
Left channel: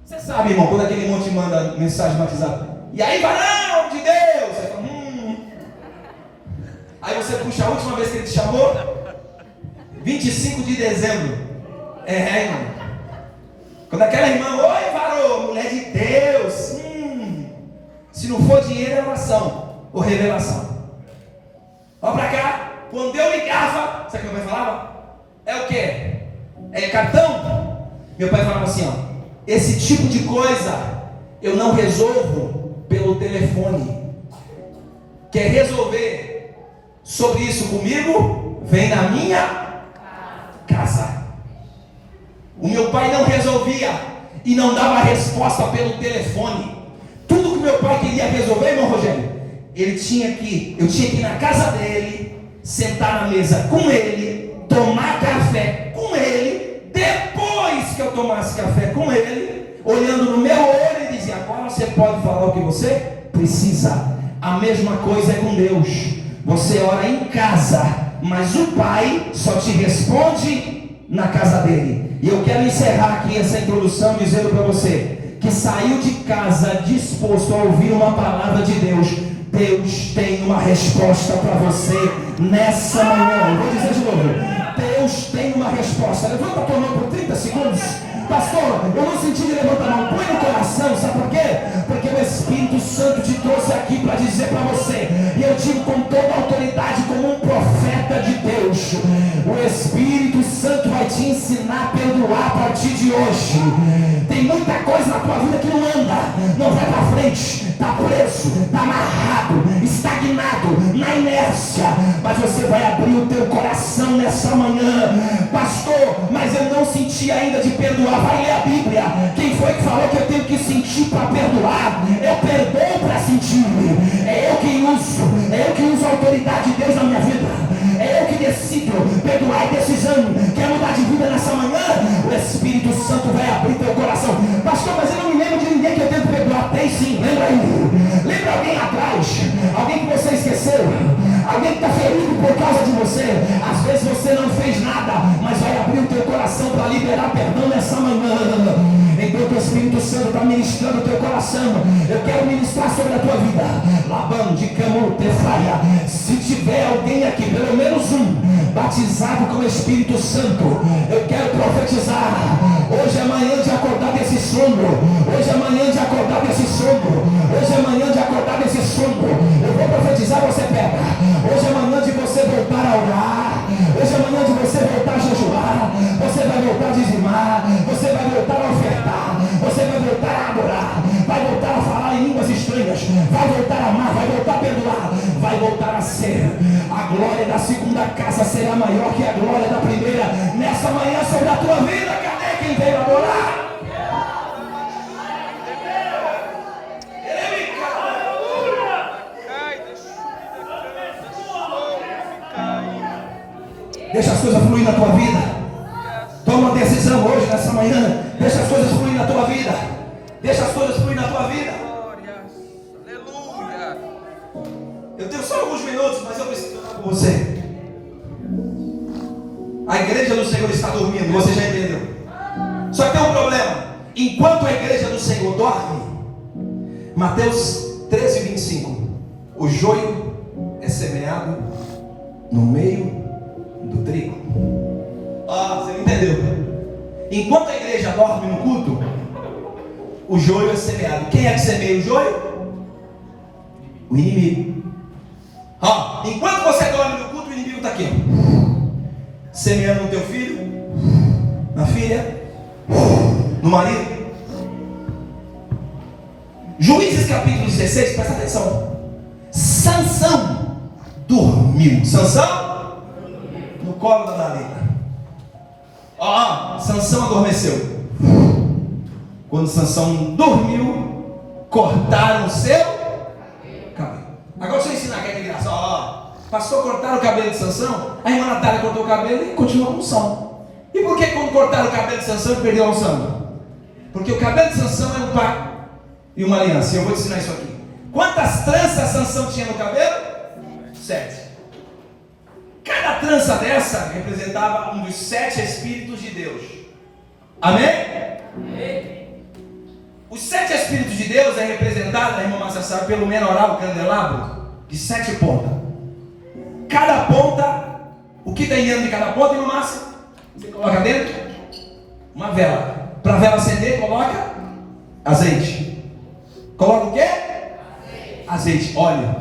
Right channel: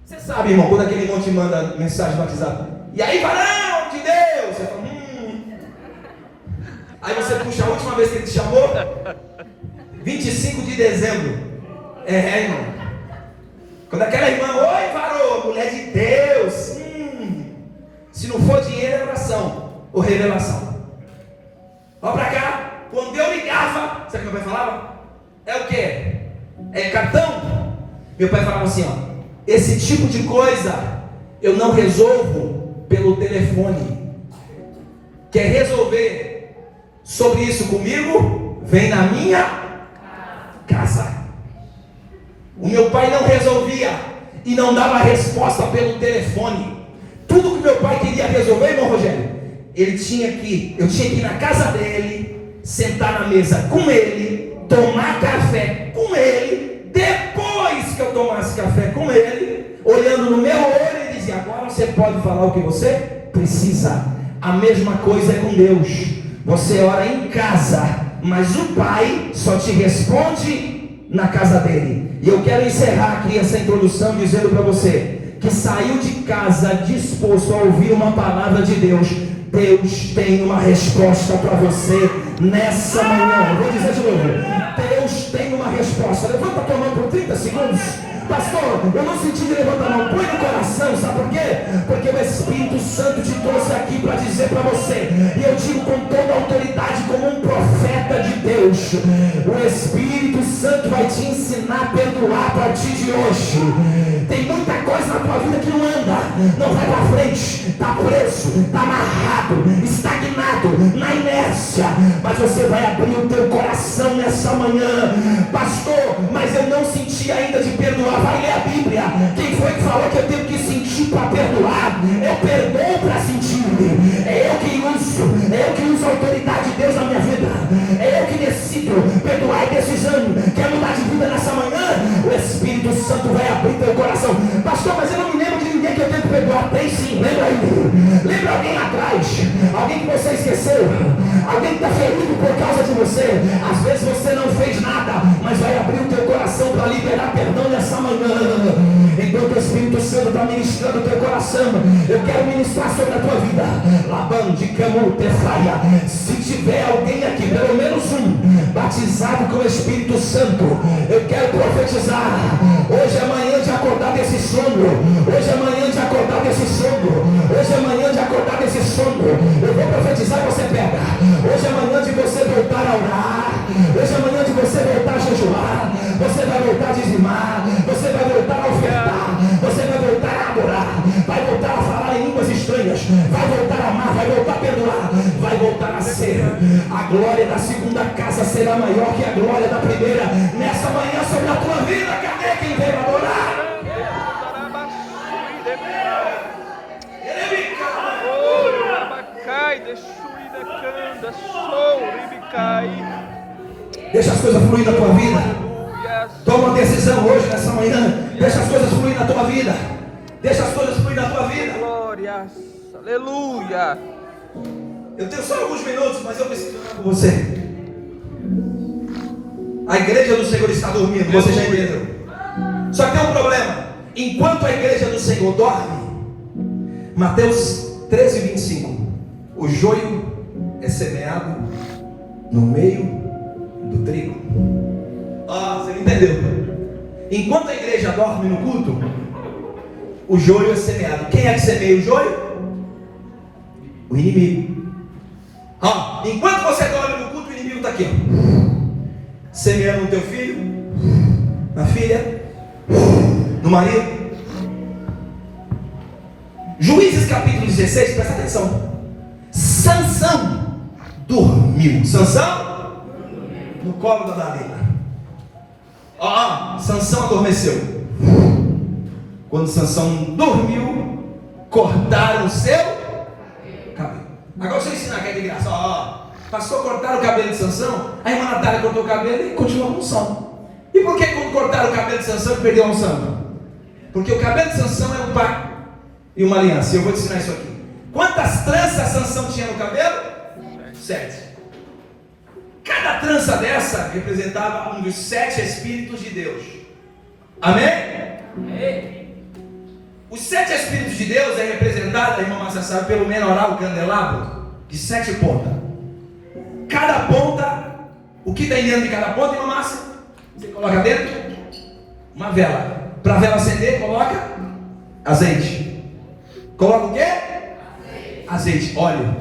Você sabe, irmão, quando aquele monte manda mensagem no WhatsApp, e aí, varão de Deus, você fala, Aí você puxa a última vez que ele te chamou, 25 de dezembro. Irmão. Quando aquela irmã, oi, varão, mulher de Deus, se não for dinheiro é oração ou revelação. Olha pra cá, quando eu ligava, sabe o que meu pai falava? É o quê? É cartão? Meu pai falava assim, ó, esse tipo de coisa eu não resolvo pelo telefone. Quer resolver sobre isso comigo? Vem na minha casa. O meu pai não resolvia e não dava resposta pelo telefone. Tudo que meu pai queria resolver, irmão Rogério, eu tinha que ir na casa dele, sentar na mesa com ele, tomar café com ele. Depois que eu tomasse café com ele, olhando no meu olho, ele dizia, agora você pode falar o que você precisa. A mesma coisa é com Deus. Você ora em casa, mas o Pai só te responde na casa dele. E eu quero encerrar aqui essa introdução dizendo para você que saiu de casa disposto a ouvir uma palavra de Deus. Deus tem uma resposta para você nessa manhã. Eu vou dizer de novo, Deus tem uma resposta. Levanta a tua mão por 30 segundos. Pastor, eu não senti de levantar a mão. Põe no coração, sabe por quê? Porque o Espírito Santo te trouxe aqui para dizer para você, e eu digo com toda a autoridade como um profeta de Deus, o Espírito Santo vai te ensinar a perdoar a partir de hoje. Tem muita coisa na tua vida que não anda, não vai para frente, está preso, está amarrado, estagnado, na inércia, mas você vai abrir o teu coração nessa manhã. Pastor, mas eu não senti ainda de perdoar. Vai ler a Bíblia. Quem foi que falou que eu tenho que sentir para perdoar? Eu perdoo para sentir. É eu que uso a autoridade de Deus na minha vida. É eu que decido. Perdoar é decisão. Quer mudar de vida nessa manhã? O Espírito Santo vai abrir teu coração. Pastor, mas eu não me lembro de ninguém que eu tenho que perdoar. Tem sim, lembra aí. Lembra alguém atrás? Alguém que você esqueceu? Alguém que está ferido por causa de você? Às vezes você não fez nada, mas vai abrir o teu coração para liberar perdão nessa manhã. Enquanto o Espírito Santo está ministrando o teu coração, eu quero ministrar sobre a tua vida. Labão de Camurtefaia. Se tiver alguém aqui, pelo menos um, batizado com o Espírito Santo, eu quero profetizar. Hoje é manhã de acordar desse sono. Hoje é manhã de acordar desse sono. Hoje é manhã de acordar desse sono. Eu vou profetizar, você pega. Hoje é manhã de você voltar a orar. Hoje é manhã de você voltar a jejuar. Você vai voltar a dizimar. Você vai voltar a ofertar. Você vai voltar a adorar. Vai voltar a falar em línguas estranhas. Vai voltar a amar. Vai voltar a perdoar. Vai voltar a ser. A glória da segunda casa será maior que a glória da primeira. Nessa manhã sobre a tua vida. Cadê quem veio adorar? Deixa as coisas fluir na tua vida. Toma uma decisão hoje, nessa manhã. Deixa as coisas fluir na tua vida. Deixa as coisas fluir na tua vida. Glórias, aleluia. Eu tenho só alguns minutos, mas eu preciso falar com você. A igreja do Senhor está dormindo, você já entendeu? Só que tem um problema. Enquanto a igreja do Senhor dorme, Mateus 13, 25, o joio é semeado no meio do trigo. Você não entendeu? Enquanto a igreja dorme no culto, o joio é semeado. Quem é que semeia o joio? O inimigo. Enquanto você dorme no culto, o inimigo está aqui, semeando no teu filho, na filha, no marido. Juízes capítulo 16, presta atenção. Sansão dormiu. Sansão? No colo da Dalila. Sansão adormeceu. Quando Sansão dormiu, cortaram o seu cabelo. Agora deixa eu ensinar que é graça. Pastor, cortaram o cabelo de Sansão. A irmã Natália cortou o cabelo e continuou a unção. E por que quando cortaram o cabelo de Sansão ele perdeu a unção? Porque o cabelo de Sansão é um pacto e uma aliança. Eu vou te ensinar isso aqui. Quantas tranças Sansão tinha no cabelo? 7. Cada trança dessa representava um dos 7 Espíritos de Deus. Amém? Amém. Os 7 Espíritos de Deus é representado, a irmã Márcia sabe, pelo menorá, o candelabro, de 7 pontas. Cada ponta, o que tem dentro de cada ponta, irmã Márcia? Você coloca dentro uma vela. Para a vela acender, coloca azeite. Coloca o quê? Azeite, óleo.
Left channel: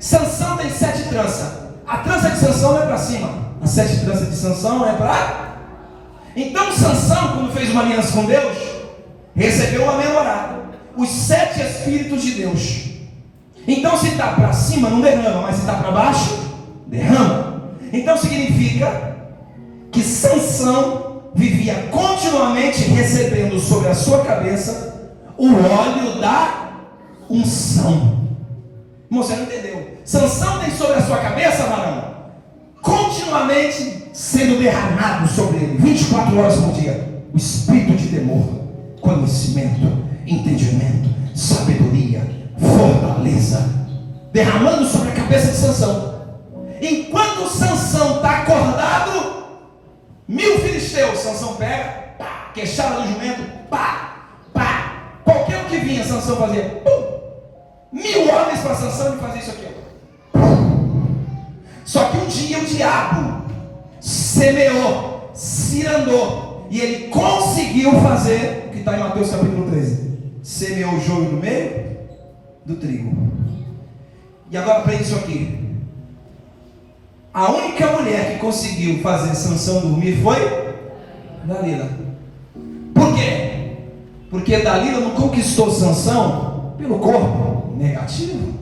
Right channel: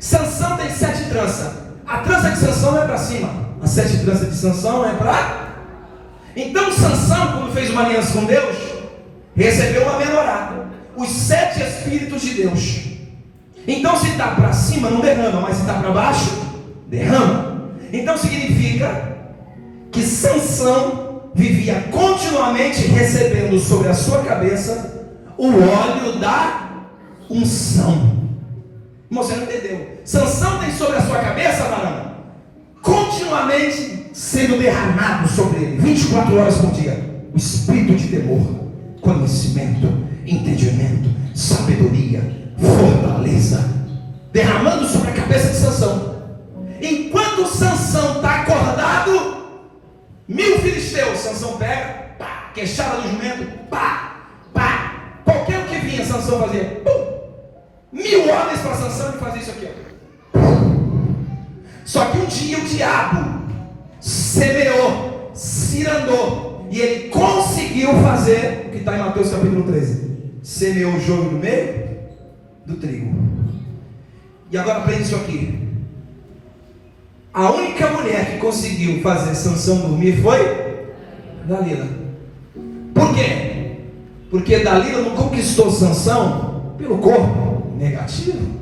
Sansão tem 7 tranças. A trança de Sansão é para cima. As 7 tranças de Sansão é para... Então Sansão, quando fez uma aliança com Deus, recebeu uma menorá. Os 7 Espíritos de Deus. Então se está para cima, não derrama. Mas se está para baixo, derrama. Então significa que Sansão vivia continuamente recebendo sobre a sua cabeça o óleo da unção. Você não entendeu? Sansão tem sobre a sua cabeça, varão, continuamente sendo derramado sobre ele, 24 horas por dia, o espírito de temor, conhecimento, entendimento, sabedoria, fortaleza, derramando sobre a cabeça de Sansão. Enquanto Sansão está acordado, 1000 filisteus, Sansão pega, pá, queixada do jumento, pá, pá, qualquer um que vinha, Sansão fazia, pum. 1000 homens para Sansão e fazia isso aqui, Só que um dia o diabo semeou, cirandou, e ele conseguiu fazer o que está em Mateus capítulo 13. Semeou o joio no meio do trigo. E agora aprende isso aqui. A única mulher que conseguiu fazer Sansão dormir foi Dalila. Por quê? Porque Dalila não conquistou Sansão pelo corpo negativo.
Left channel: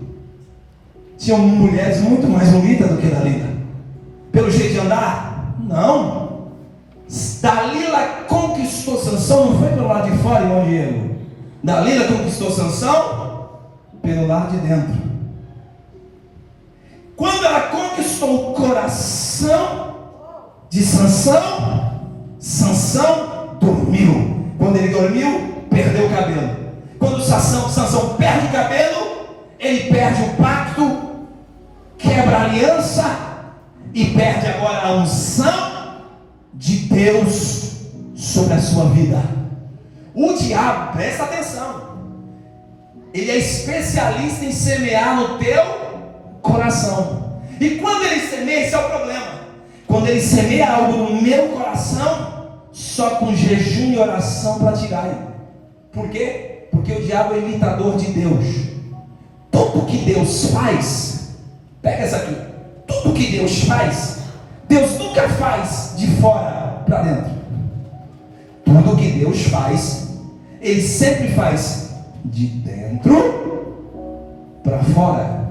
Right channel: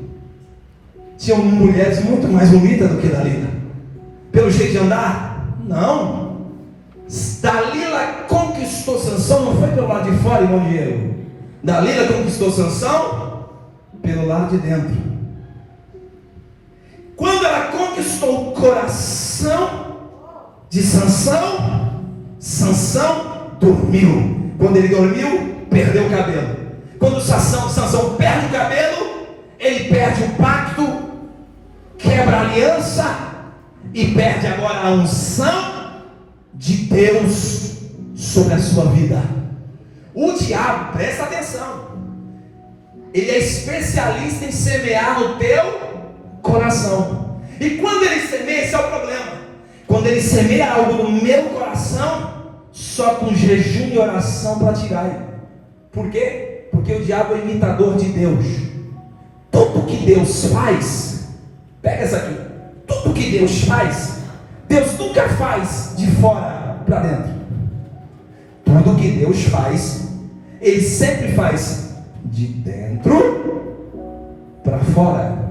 Tinham mulheres muito mais bonitas do que Dalila. Pelo jeito de andar? Não. Dalila conquistou Sansão não foi pelo lado de fora, irmão Diego. Dalila conquistou Sansão pelo lado de dentro. Quando ela conquistou o coração de Sansão, Sansão dormiu. Quando ele dormiu, perdeu o cabelo. Quando Sansão perde o cabelo, ele perde o pacto, quebra a aliança e perde agora a unção de Deus sobre a sua vida. O diabo, presta atenção, ele é especialista em semear no teu coração. E quando ele semeia, esse é o problema. Quando ele semeia algo no meu coração, só com jejum e oração para tirar. Por quê? Porque o diabo é imitador de Deus. Tudo que Deus faz, pega essa aqui, tudo que Deus faz, Deus nunca faz de fora para dentro. Tudo que Deus faz, Ele sempre faz de dentro para fora.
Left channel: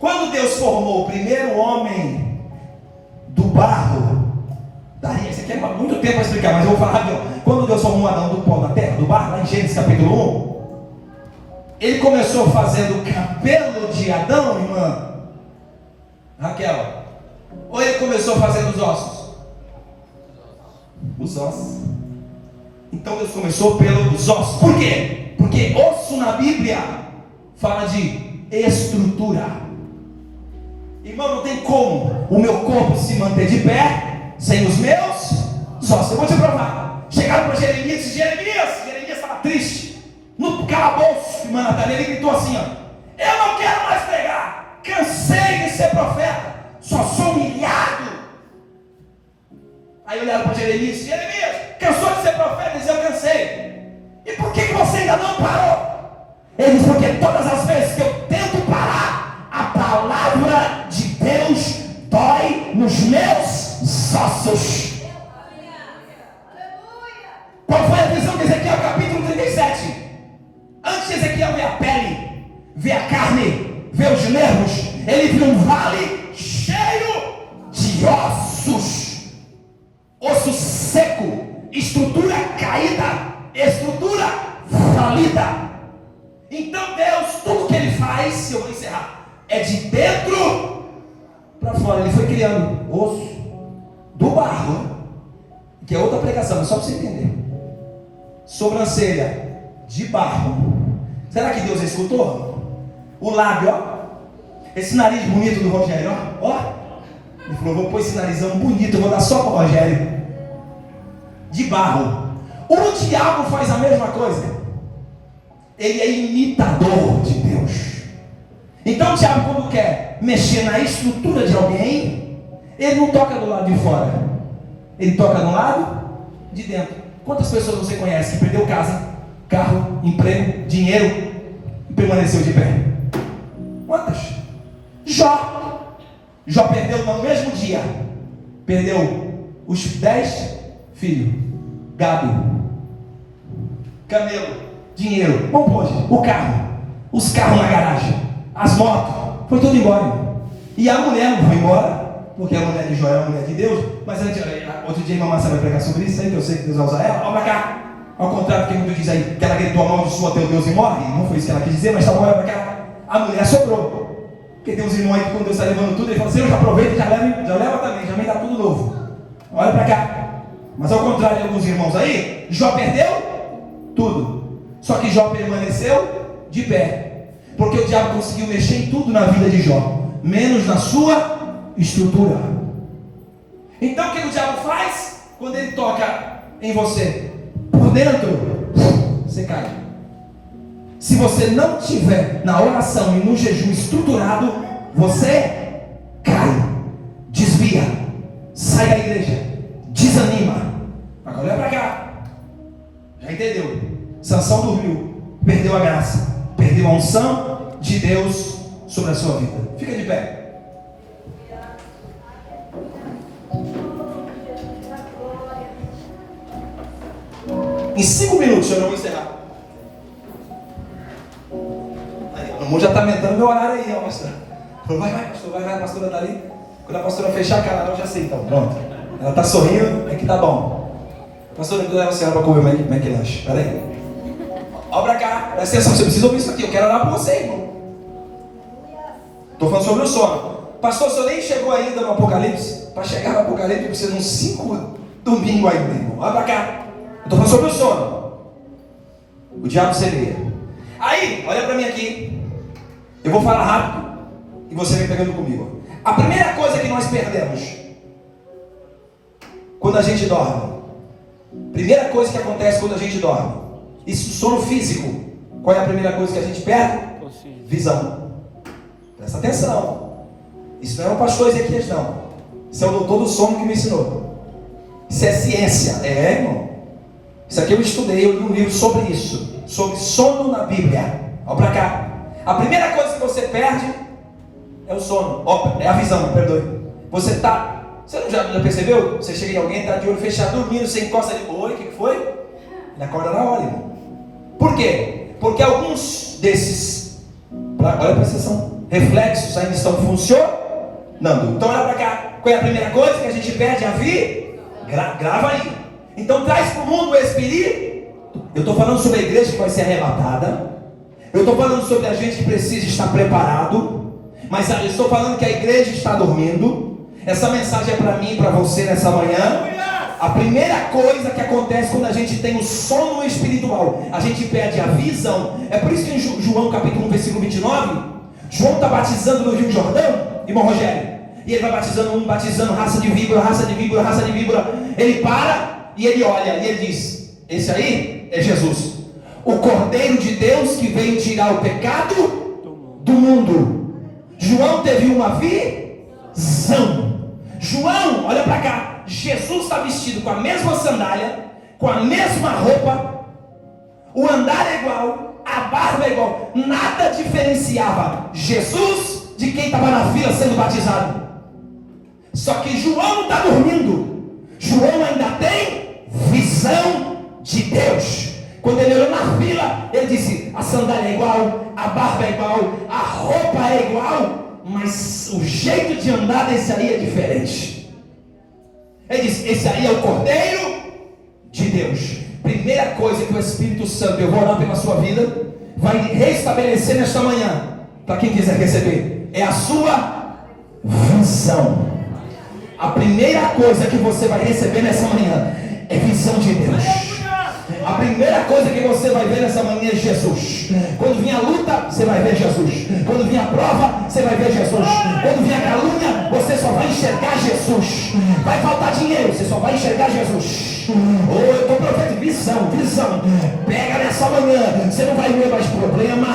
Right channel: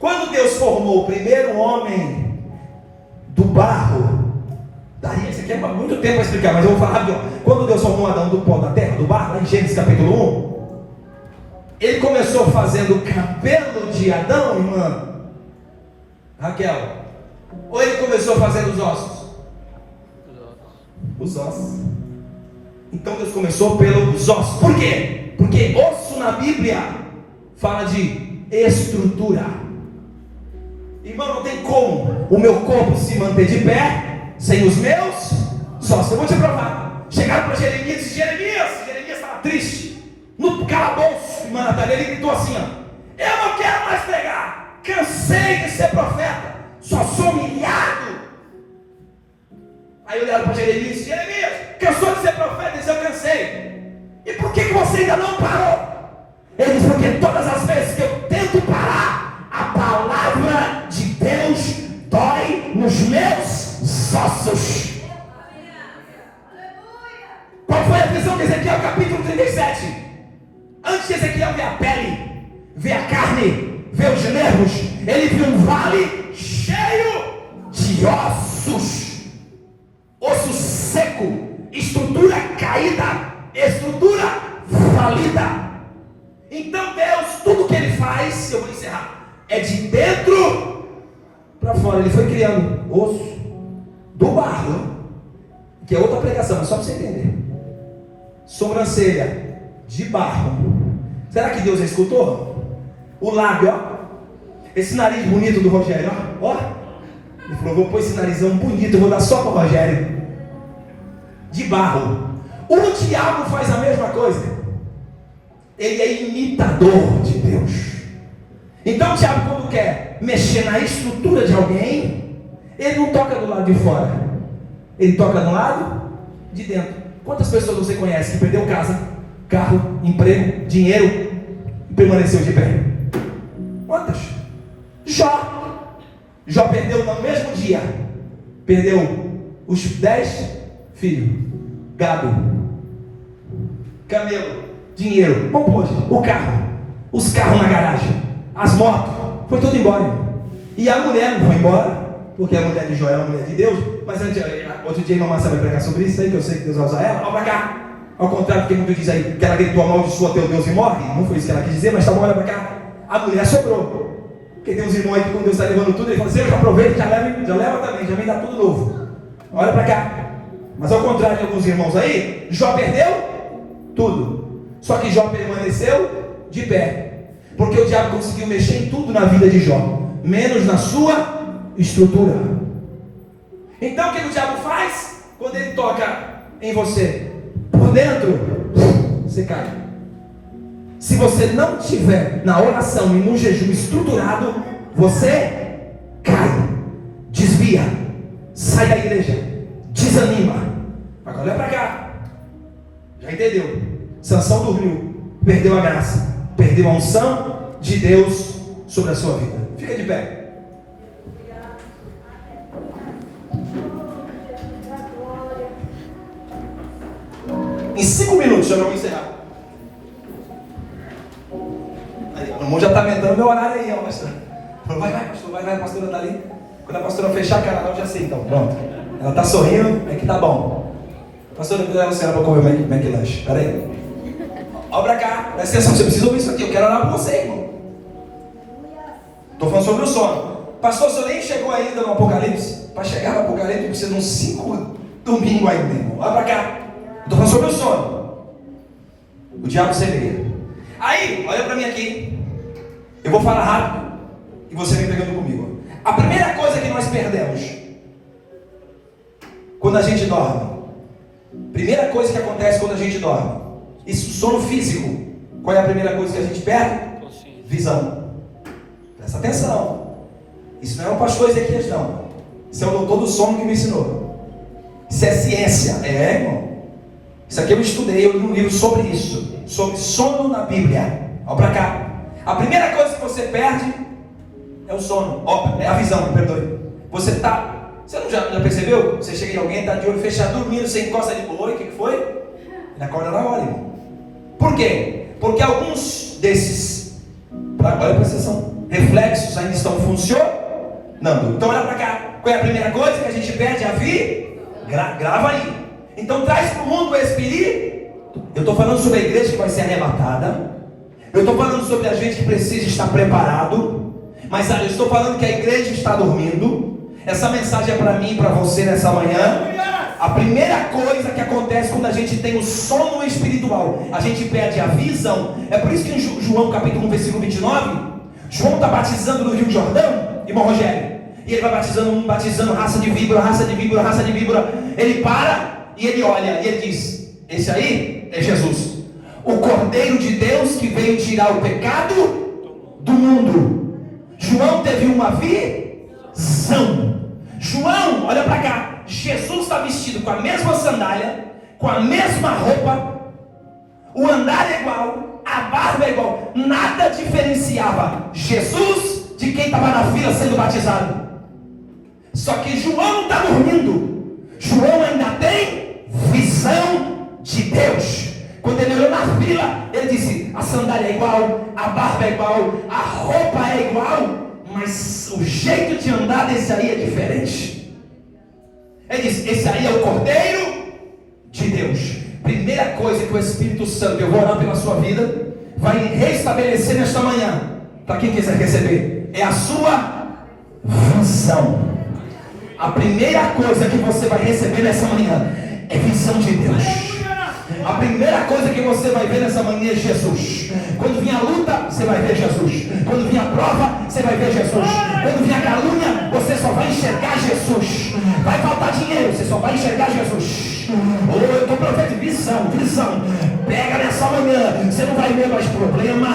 Quando Deus formou o primeiro homem do barro, daria isso aqui é muito tempo para explicar, mas eu vou falar rapidão. Quando Deus formou Adão do pó da terra, do barro, lá em Gênesis capítulo 1, Ele começou fazendo o cabelo de Adão, irmã Raquel, ou Ele começou fazendo os ossos? Os ossos. Então Deus começou pelos ossos. Por quê? Porque osso na Bíblia fala de estrutura. Irmão, não tem como o meu corpo se manter de pé sem os meus ossos. Eu vou te provar. Chegaram para Jeremias e disse: Jeremias estava triste. No calabouço, irmã Natália, ele gritou assim: eu não quero mais pregar, cansei de ser profeta, só sou humilhado. Aí olharam para Jeremias e disse: Jeremias, cansou de ser profeta? Ele disse: eu cansei. E por que você ainda não parou? Ele disse: porque todas as vezes que eu tento parar, a palavra de Deus dói nos meus ossos. Qual foi a visão de Ezequiel capítulo 37? Antes de Ezequiel ver a pele, ver a carne, ver os nervos, estrutura falida. Então Deus, tudo que Ele faz, eu vou encerrar, é de dentro para fora. Ele foi criando osso do barro, que é outra pregação, só para você entender. Sobrancelha de barro. Será que Deus escutou? O lábio, ó. Esse nariz bonito do Rogério, ó. Ó. Ele falou, vou pôr esse narizão bonito, eu vou dar só para o Rogério. De barro. O diabo faz a mesma coisa. Ele é imitador de Deus. Então o diabo, quando quer mexer na estrutura de alguém, ele não toca do lado de fora, ele toca no lado de dentro. Quantas pessoas você conhece que perdeu casa, carro, emprego, dinheiro e permaneceu de pé? Quantas? Jó perdeu no mesmo dia. Perdeu os 10 filhos, gado, camelo, dinheiro, bom, poxa, o carro, os carros na garagem, as motos, foi tudo embora. E a mulher não foi embora, porque a mulher de Jó é uma mulher de Deus. Mas outro dia a irmã Márcia vai pregar sobre isso aí, que eu sei que Deus vai usar ela. Olha pra cá. Ao contrário do que muito diz aí, que ela gritou, amaldiçoa teu Deus e morre. Não foi isso que ela quis dizer, mas tá bom, olha pra cá. A mulher sobrou. Porque tem uns irmãos aí que quando Deus está levando tudo, ele fala assim, eu já aproveito, já leva também, já vem dar tudo novo. Olha pra cá. Mas ao contrário de alguns irmãos aí, Jó perdeu tudo. Só que Jó permaneceu de pé. Porque o diabo conseguiu mexer em tudo na vida de Jó, menos na sua estrutura. Então o que o diabo faz? Quando ele toca em você, por dentro, você cai. Se você não tiver na oração e no jejum estruturado, você cai, desvia, sai da igreja, desanima. Agora olha para cá. Já entendeu? Sansão dormiu, perdeu a graça, perdeu a unção de Deus sobre a sua vida. Fica de pé. Em 5 minutos eu não vou encerrar. Aí, o irmão já está aumentando meu horário aí, ó, pastor. Vai, pastor, vai, a pastora está ali. Quando a pastora fechar a cara, eu já sei, então, pronto. Ela está sorrindo, é que tá bom. Pastora, eu levo a senhora para comer McLanche. Espera aí. Olha pra cá, presta atenção, você precisa ouvir isso aqui. Eu quero orar por você, irmão. Estou falando sobre o sono. Pastor, o senhor nem chegou ainda no Apocalipse? Para chegar no Apocalipse, precisa de uns 5 domingos ainda, irmão. Olha pra cá. Estou falando sobre o sono. O diabo semeia. Aí, olha para mim aqui. Eu vou falar rápido e você vem pegando comigo. A primeira coisa que nós perdemos quando a gente dorme. Primeira coisa que acontece quando a gente dorme. Isso, sono físico. Qual é a primeira coisa que a gente perde? Visão. Presta atenção. Isso não é o pastor Ezequias, não. Isso é o doutor do sono que me ensinou. Isso é ciência. É, irmão. Isso aqui eu estudei, eu li um livro sobre isso, sobre sono na Bíblia. Olha para cá. A primeira coisa que você perde é o sono, é a visão, perdoe. Você não já percebeu? Você chega em alguém, está de olho fechado, dormindo, você encosta ali, oi, o que foi? Ele acorda na hora, irmão. Por quê? Porque alguns desses, olha para são reflexos ainda estão funcionando. Então olha para cá. Qual é a primeira coisa que a gente perde? A vida? Grava aí. Então traz para o mundo o Espírito. Eu estou falando sobre a igreja que vai ser arrebatada. Eu estou falando sobre a gente que precisa estar preparado. Mas eu estou falando que a igreja está dormindo. Essa mensagem é para mim e para você nessa manhã. A primeira coisa que acontece quando a gente tem o sono espiritual, a gente perde a visão. É por isso que em João capítulo 1, versículo 29, João está batizando no Rio Jordão, irmão Rogério. E ele vai batizando raça de víbora, raça de víbora, raça de víbora. Ele para e ele olha e ele diz: esse aí é Jesus, o Cordeiro de Deus que veio tirar o pecado do mundo. João teve uma visão. João, olha para cá. Jesus está vestido com a mesma sandália, com a mesma roupa, o andar é igual, a barba é igual. Nada diferenciava Jesus de quem estava na fila sendo batizado. Só que João está dormindo. João ainda tem visão de Deus. Quando ele olhou na fila, ele disse: a sandália é igual, a barba é igual, a roupa é igual, mas o jeito de andar desse aí é diferente. Ele disse: esse aí é o Cordeiro de Deus. Primeira coisa que o Espírito Santo, eu vou orar pela sua vida, vai restabelecer nesta manhã, para quem quiser receber, é a sua visão. A primeira coisa que você vai receber nessa manhã é visão de Deus. A primeira coisa que você vai ver nessa manhã é Jesus. Quando vir a luta, você vai ver Jesus. Quando vir a prova, você vai ver Jesus. Quando vir a calúnia, você só vai enxergar Jesus. Vai faltar dinheiro, você só vai enxergar Jesus. Eu estou profetizando visão. Pega nessa manhã. Você não vai ver mais problema.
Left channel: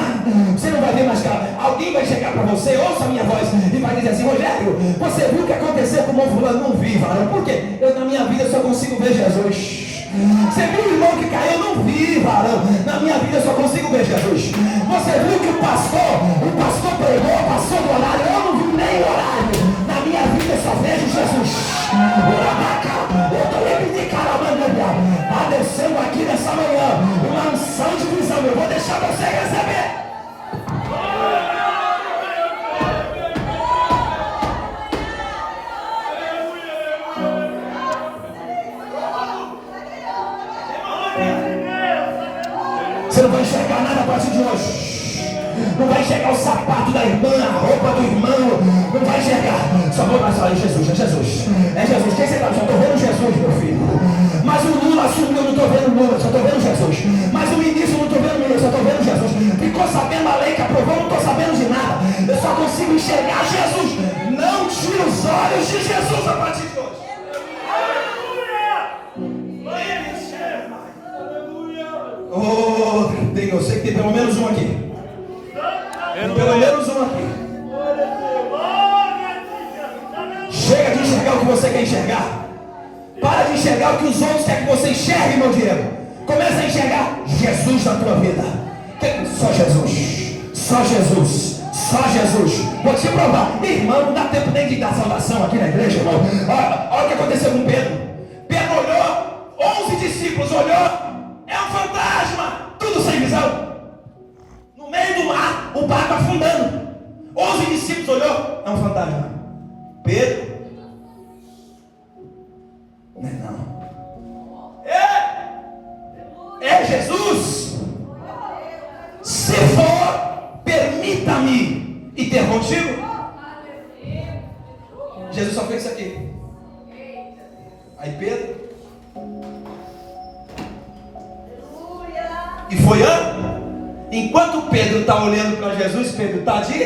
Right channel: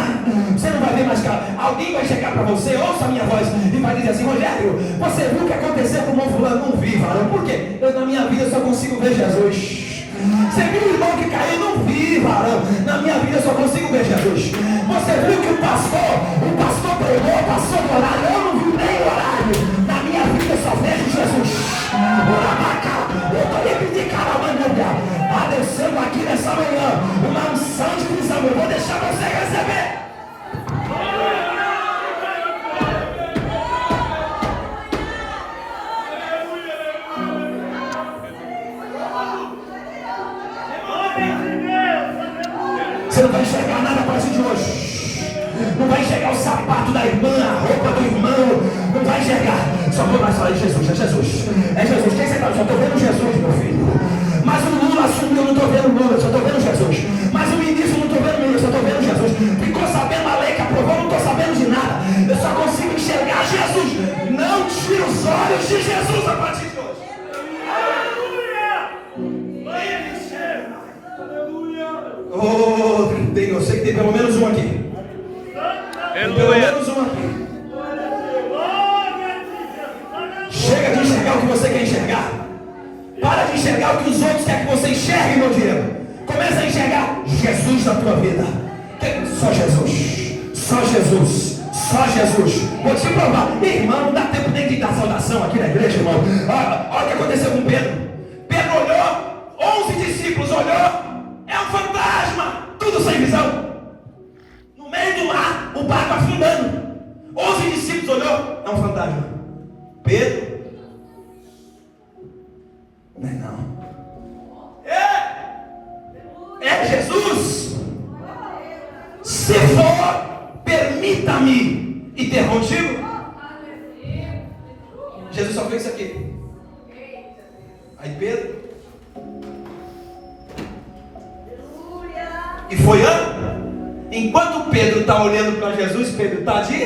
Você não vai ver mais cara. Alguém vai chegar para você, ouça a minha voz, e vai dizer assim: Rogério, você viu o que aconteceu com o irmão fulano? Não vi, varão. Por quê? Eu na minha vida só consigo ver Jesus. Você viu o irmão que caiu? Não vi, varão. Na minha vida eu só consigo ver Jesus. Você viu que o pastor pregou, passou do horário? Eu não vi nem o horário. Na minha vida eu só vejo Jesus. Está descendo aqui nessa manhã uma unção de visão. Eu vou deixar você receber. Você não vai enxergar nada a partir de hoje. Não vai enxergar o sapato da irmã, a roupa do irmão. Não vai enxergar. Só vou mais falar: Jesus, é Jesus. É Jesus. Quem você está? Só estou vendo Jesus, meu filho. Mas o Lula assumiu, não estou vendo Lula, só estou vendo Jesus. Mas o ministro, não estou vendo o ministro, só estou vendo Jesus. Ficou sabendo a lei que aprovou, não estou sabendo de nada. Eu só consigo enxergar Jesus. Não tire os olhos de Jesus a partir de hoje. Oh, eu sei que tem pelo menos um aqui. Tem pelo menos um aqui. Chega de enxergar o que você quer enxergar. Para de enxergar o que os outros querem que você enxergue, meu dinheiro. Começa a enxergar Jesus na tua vida. Só Jesus. Só Jesus. Só Jesus. Vou te provar. Irmão, não dá tempo nem de dar saudação aqui na igreja, irmão. Olha o que aconteceu com Pedro. Pedro olhou, 11 discípulos olhou. É um fantasma. Tudo sem visão. No meio do mar, o barco afundando. 11 discípulos olhou. É um fantasma. Pedro. Não é não. É Jesus. Se for, permita-me ir ter contigo. Jesus só fez isso aqui. Aí Pedro. E foi enquanto Pedro está olhando para Jesus, Pedro está de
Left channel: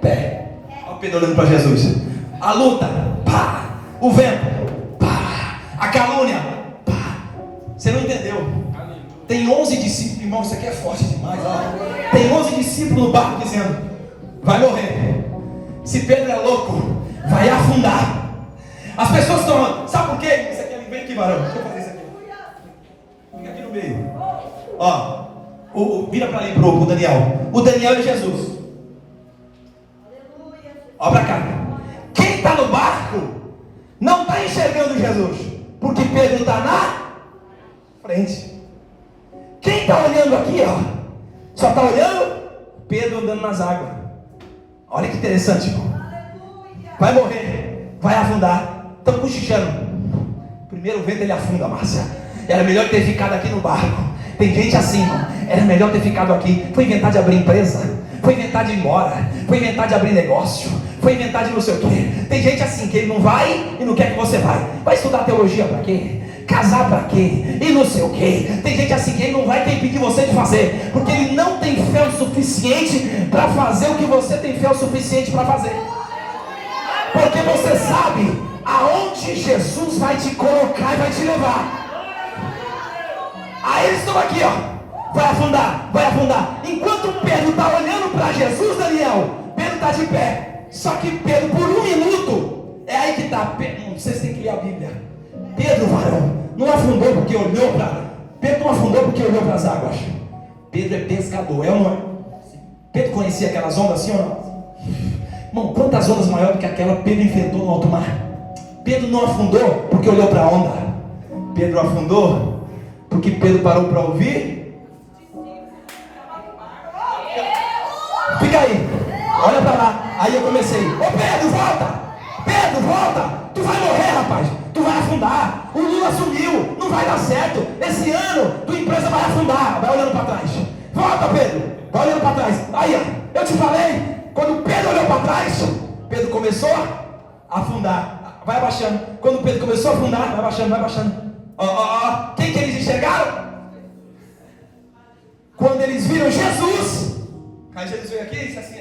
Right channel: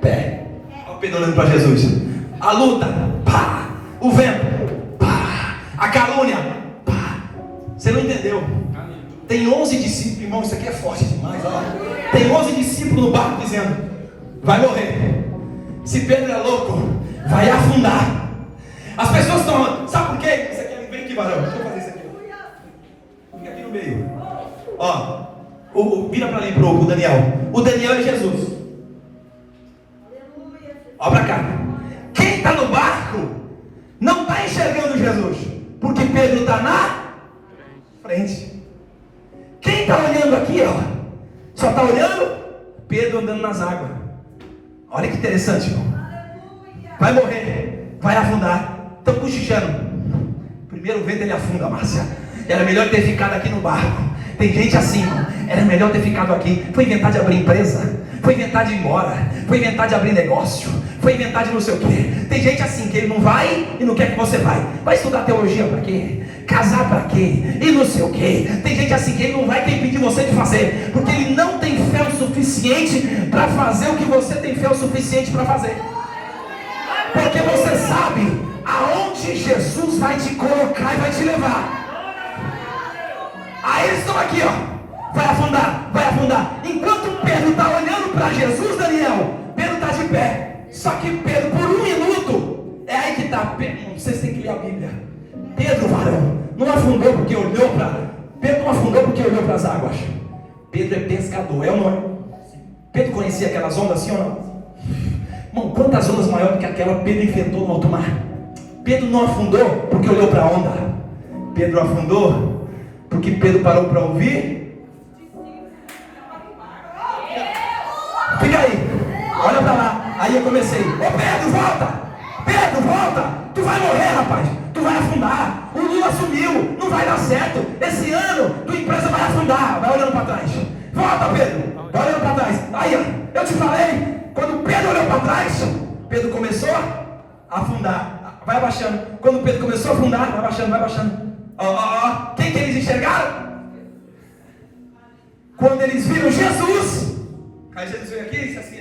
pé. Olha Pedro olhando para Jesus. A luta, pá. O vento, pá. A calúnia, pá. Você não entendeu? Tem 11 discípulos, irmão, isso aqui é forte demais. Ó. Tem 11 discípulos no barco dizendo: vai morrer. Se Pedro é louco, vai afundar. As pessoas estão, sabe por quê? Isso aqui, vem aqui, varão. Deixa eu fazer isso aqui. Fica aqui no meio. Ó, vira para mim pro Daniel. O Daniel é Jesus. Olha para cá. Quem está no barco não está enxergando Jesus, porque Pedro está na frente. Quem está olhando aqui, ó, só está olhando Pedro andando nas águas. Olha que interessante, irmão. Vai morrer, vai afundar. Estão cochichando. Primeiro vento ele afunda, Márcia. Era melhor ter ficado aqui no barco. Tem gente assim, irmão. Era melhor ter ficado aqui. Foi inventar de abrir empresa. Foi inventar de ir embora. Foi inventar de abrir negócio. Foi inventar de não sei o quê. Tem gente assim que ele não vai e não quer que você vai. Vai estudar teologia para quê? Casar para quê? E não sei o quê. Tem gente assim que ele não vai impedir você de fazer, porque ele não tem fé o suficiente para fazer o que você tem fé o suficiente para fazer. Porque você sabe aonde Jesus vai te colocar e vai te levar. Aí eles estão aqui, ó. Vai afundar, vai afundar. Enquanto Pedro está olhando para Jesus, Daniel, Pedro está de pé. Só que Pedro, por um minuto, é aí que está. Vocês têm que ler a Bíblia. Pedro, varão, não afundou porque olhou para. Pedro não afundou porque olhou para as águas. Pedro é pescador, é ou não é? Pedro conhecia aquelas ondas assim ou não? Irmão, quantas ondas maiores do que aquela Pedro enfrentou no alto mar? Pedro não afundou porque olhou para a onda. Pedro afundou porque Pedro parou para ouvir. Fica aí, olha para lá. Aí eu comecei: ô Pedro, volta! Pedro, volta! Tu vai morrer, rapaz! Tu vai afundar! O Lula sumiu! Não vai dar certo! Esse te falei, quando Pedro olhou para trás, Pedro começou a afundar. Vai abaixando. Quando Pedro começou a afundar, vai abaixando, vai abaixando. Quem que eles enxergaram? Quando eles viram Jesus. Aí Jesus veio aqui e disse assim:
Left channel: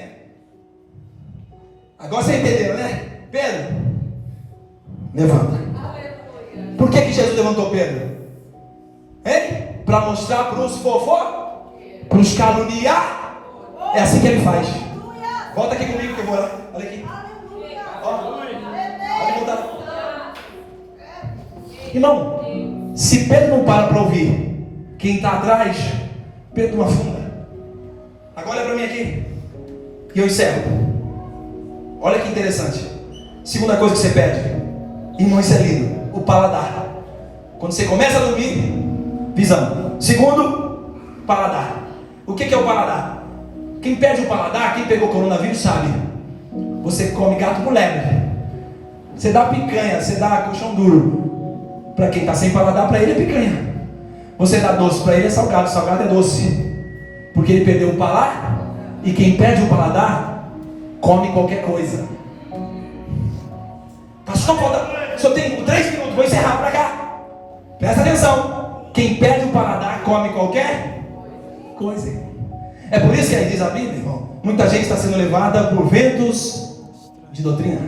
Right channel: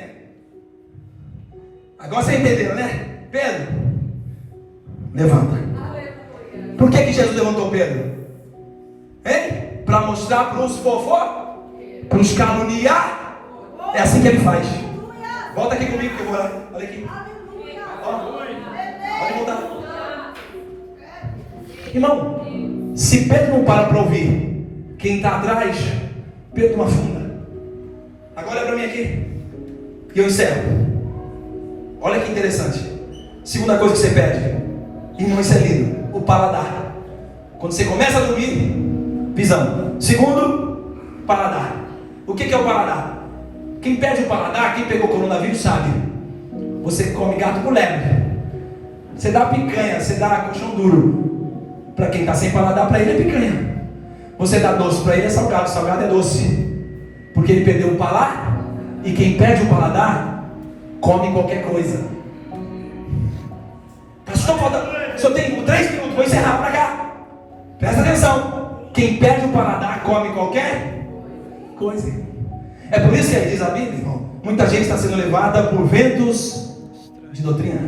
agora você entendeu, né? Pedro, levanta. Por que Jesus levantou Pedro? Hein? Para mostrar para os fofó, para os caluniar. É assim que ele faz. Volta aqui comigo que eu vou lá. Olha aqui. Irmão, se Pedro não para ouvir quem está atrás, Pedro não afunda. Agora olha para mim aqui e eu encerro. Olha que interessante. Segunda coisa que você pede, irmão, isso é lindo, o paladar. Quando você começa a dormir, visão. Segundo, paladar. O que é o paladar? Quem perde o paladar, quem pegou coronavírus sabe. Você come gato por lebre. Você dá picanha, você dá colchão duro. Para quem está sem paladar, para ele é picanha. Você dá doce, para ele é salgado. Salgado é doce. Porque ele perdeu o paladar. E quem perde o paladar, come qualquer coisa. Pastor, só tem 3 minutos, vou encerrar para cá. Presta atenção. Quem perde o paladar, come qualquer coisa. É por isso que aí diz a Bíblia, irmão, muita gente está sendo levada por ventos de doutrina.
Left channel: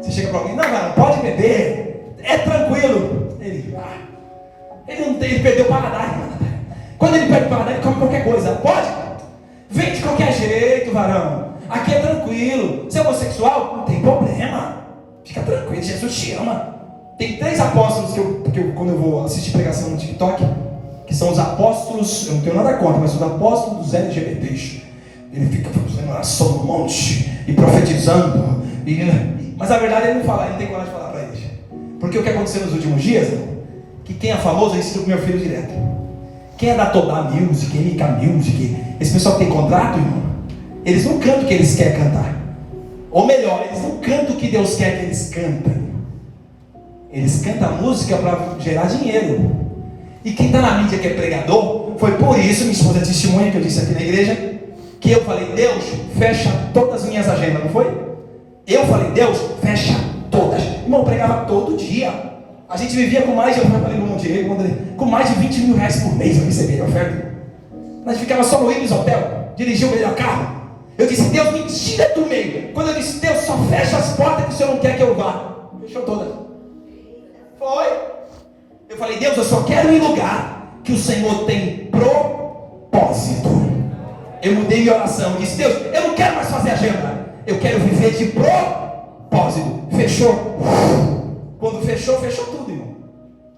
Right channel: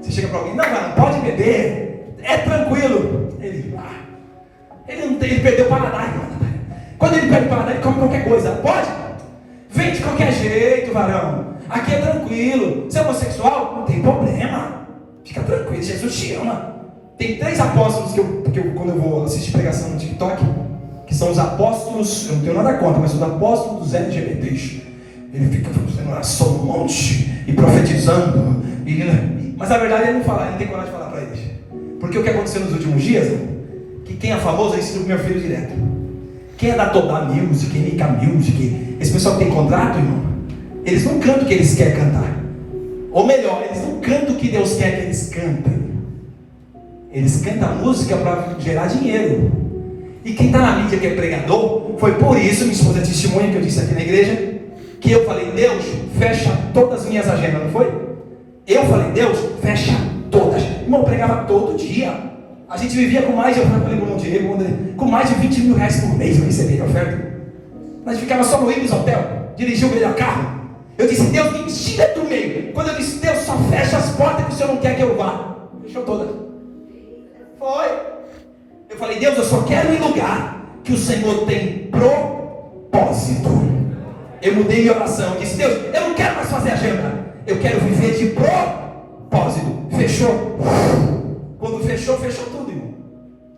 Você chega para alguém: não, pode beber, é tranquilo. Ele não tem, ele perdeu o paladar. Quando ele perde o paladar, ele come qualquer coisa. Pode? Vem de qualquer jeito, varão. Aqui é tranquilo. Você é homossexual? Não tem problema. Fica tranquilo, Jesus te ama. Tem 3 apóstolos que eu quando eu vou assistir pregação no TikTok, que são os apóstolos, eu não tenho nada contra, mas os apóstolos dos LGBTs. Ele fica fazendo oração no monte e profetizando. Mas a verdade ele não fala, ele não tem coragem de falar para eles. Porque o que aconteceu nos últimos dias, que quem é famoso, eu ensino o meu filho direto. Quem é da Todá Music, NK Music, esse pessoal que tem contrato, irmão, eles não cantam o que eles querem cantar. Ou melhor, eles não cantam o que Deus quer que eles cantem. Eles cantam a música para gerar dinheiro. E quem está na mídia que é pregador, foi por isso, minha esposa testemunha que eu disse aqui na igreja, que eu falei: Deus, fecha todas as minhas agendas, não foi? Eu falei: Deus, fecha todas. Irmão, eu pregava todo dia. A gente vivia com mais de, com mais de 20 mil reais por mês. Eu recebia a oferta. Nós ficava só no Ibis Hotel, dirigia o melhor carro. Eu disse: Deus, me tira do meio. Quando eu disse: Deus, só fecha as portas que o Senhor não quer que eu vá. Fechou todas. Foi. Eu falei: Deus, eu só quero ir em lugar que o Senhor tem propósito. Eu mudei minha oração. Eu disse: Deus, eu não quero mais fazer agenda. Eu quero viver de propósito. Fechou. Quando fechou, fechou tudo, irmão.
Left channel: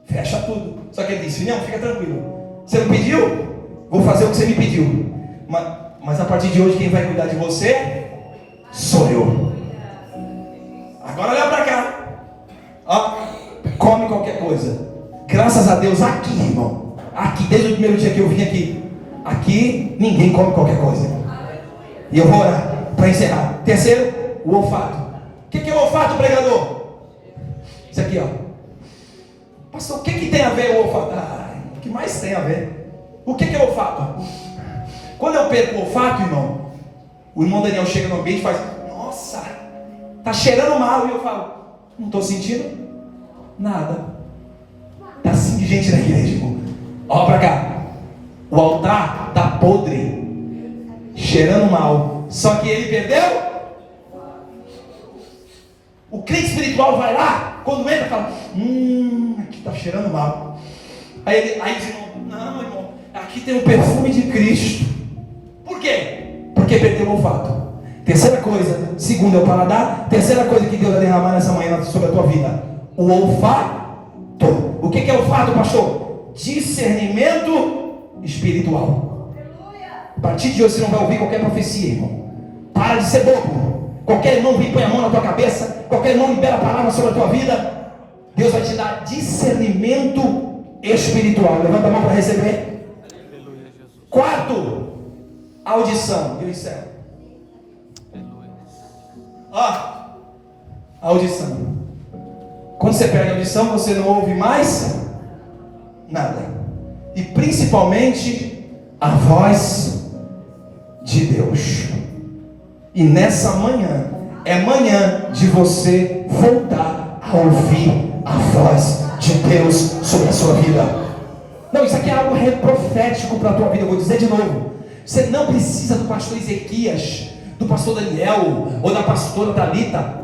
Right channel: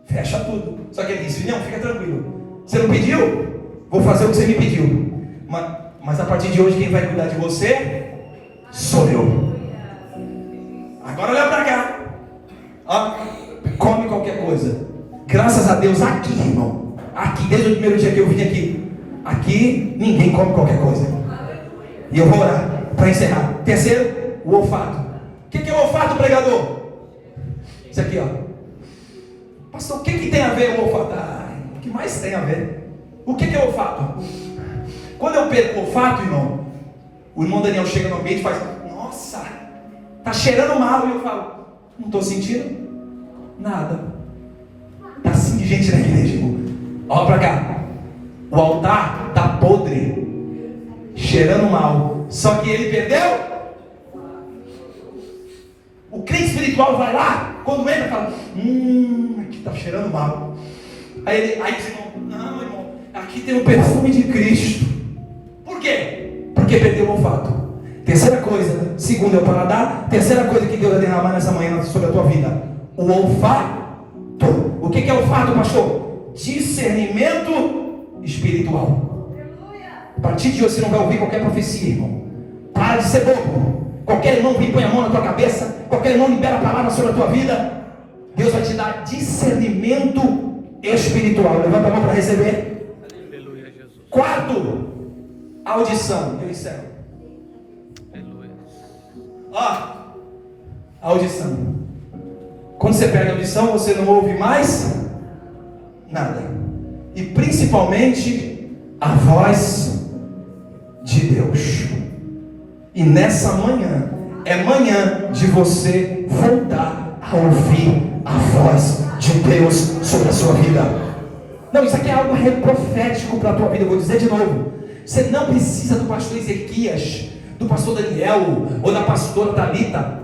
Fecha tudo. Só que ele disse: não, fica tranquilo. Você não pediu? Vou fazer o que você me pediu. Mas a partir de hoje, quem vai cuidar de você sou eu. Agora olha para cá. Come qualquer coisa. Graças a Deus, aqui, irmão. Aqui, desde o primeiro dia que eu vim aqui. Aqui, ninguém come qualquer coisa. E eu vou orar para encerrar. Terceiro, o olfato. O que é o olfato, pregador? Isso aqui, ó. Pastor, o que tem a ver o olfato? O que mais tem a ver? O que é o olfato? Quando eu perco o olfato, irmão, o irmão Daniel chega no ambiente e faz: nossa, tá cheirando mal. E eu falo: não estou sentindo nada. Tá assim de gente na igreja, irmão. Olha pra cá. O altar tá podre, cheirando mal. Só que ele perdeu. O crente espiritual vai lá, quando entra, fala: aqui tá cheirando mal. Aí diz: não, irmão, aqui tem o perfume de Cristo. Por quê? Porque perdeu o olfato. Terceira coisa, segunda é o paladar. Terceira coisa que Deus vai derramar nessa manhã sobre a tua vida: o olfato. O que é olfato, pastor? Discernimento espiritual. A partir de hoje você não vai ouvir qualquer profecia, irmão. Para de ser bobo. Qualquer irmão que põe a mão na tua cabeça, qualquer irmão libera a palavra sobre a tua vida, Deus vai te dar discernimento espiritual. Levanta a mão para receber. Aleluia, Jesus. Quarto, audição. Eu encerro. Audição. Quando você pega a audição, você não ouve mais nada. E principalmente a voz de Deus. E nessa manhã, é manhã de você voltar a ouvir a voz de Deus sobre a sua vida. Não, isso aqui é algo profético para a tua vida. Eu vou dizer de novo. Você não precisa do pastor Ezequias, do pastor Daniel, ou da pastora Thalita,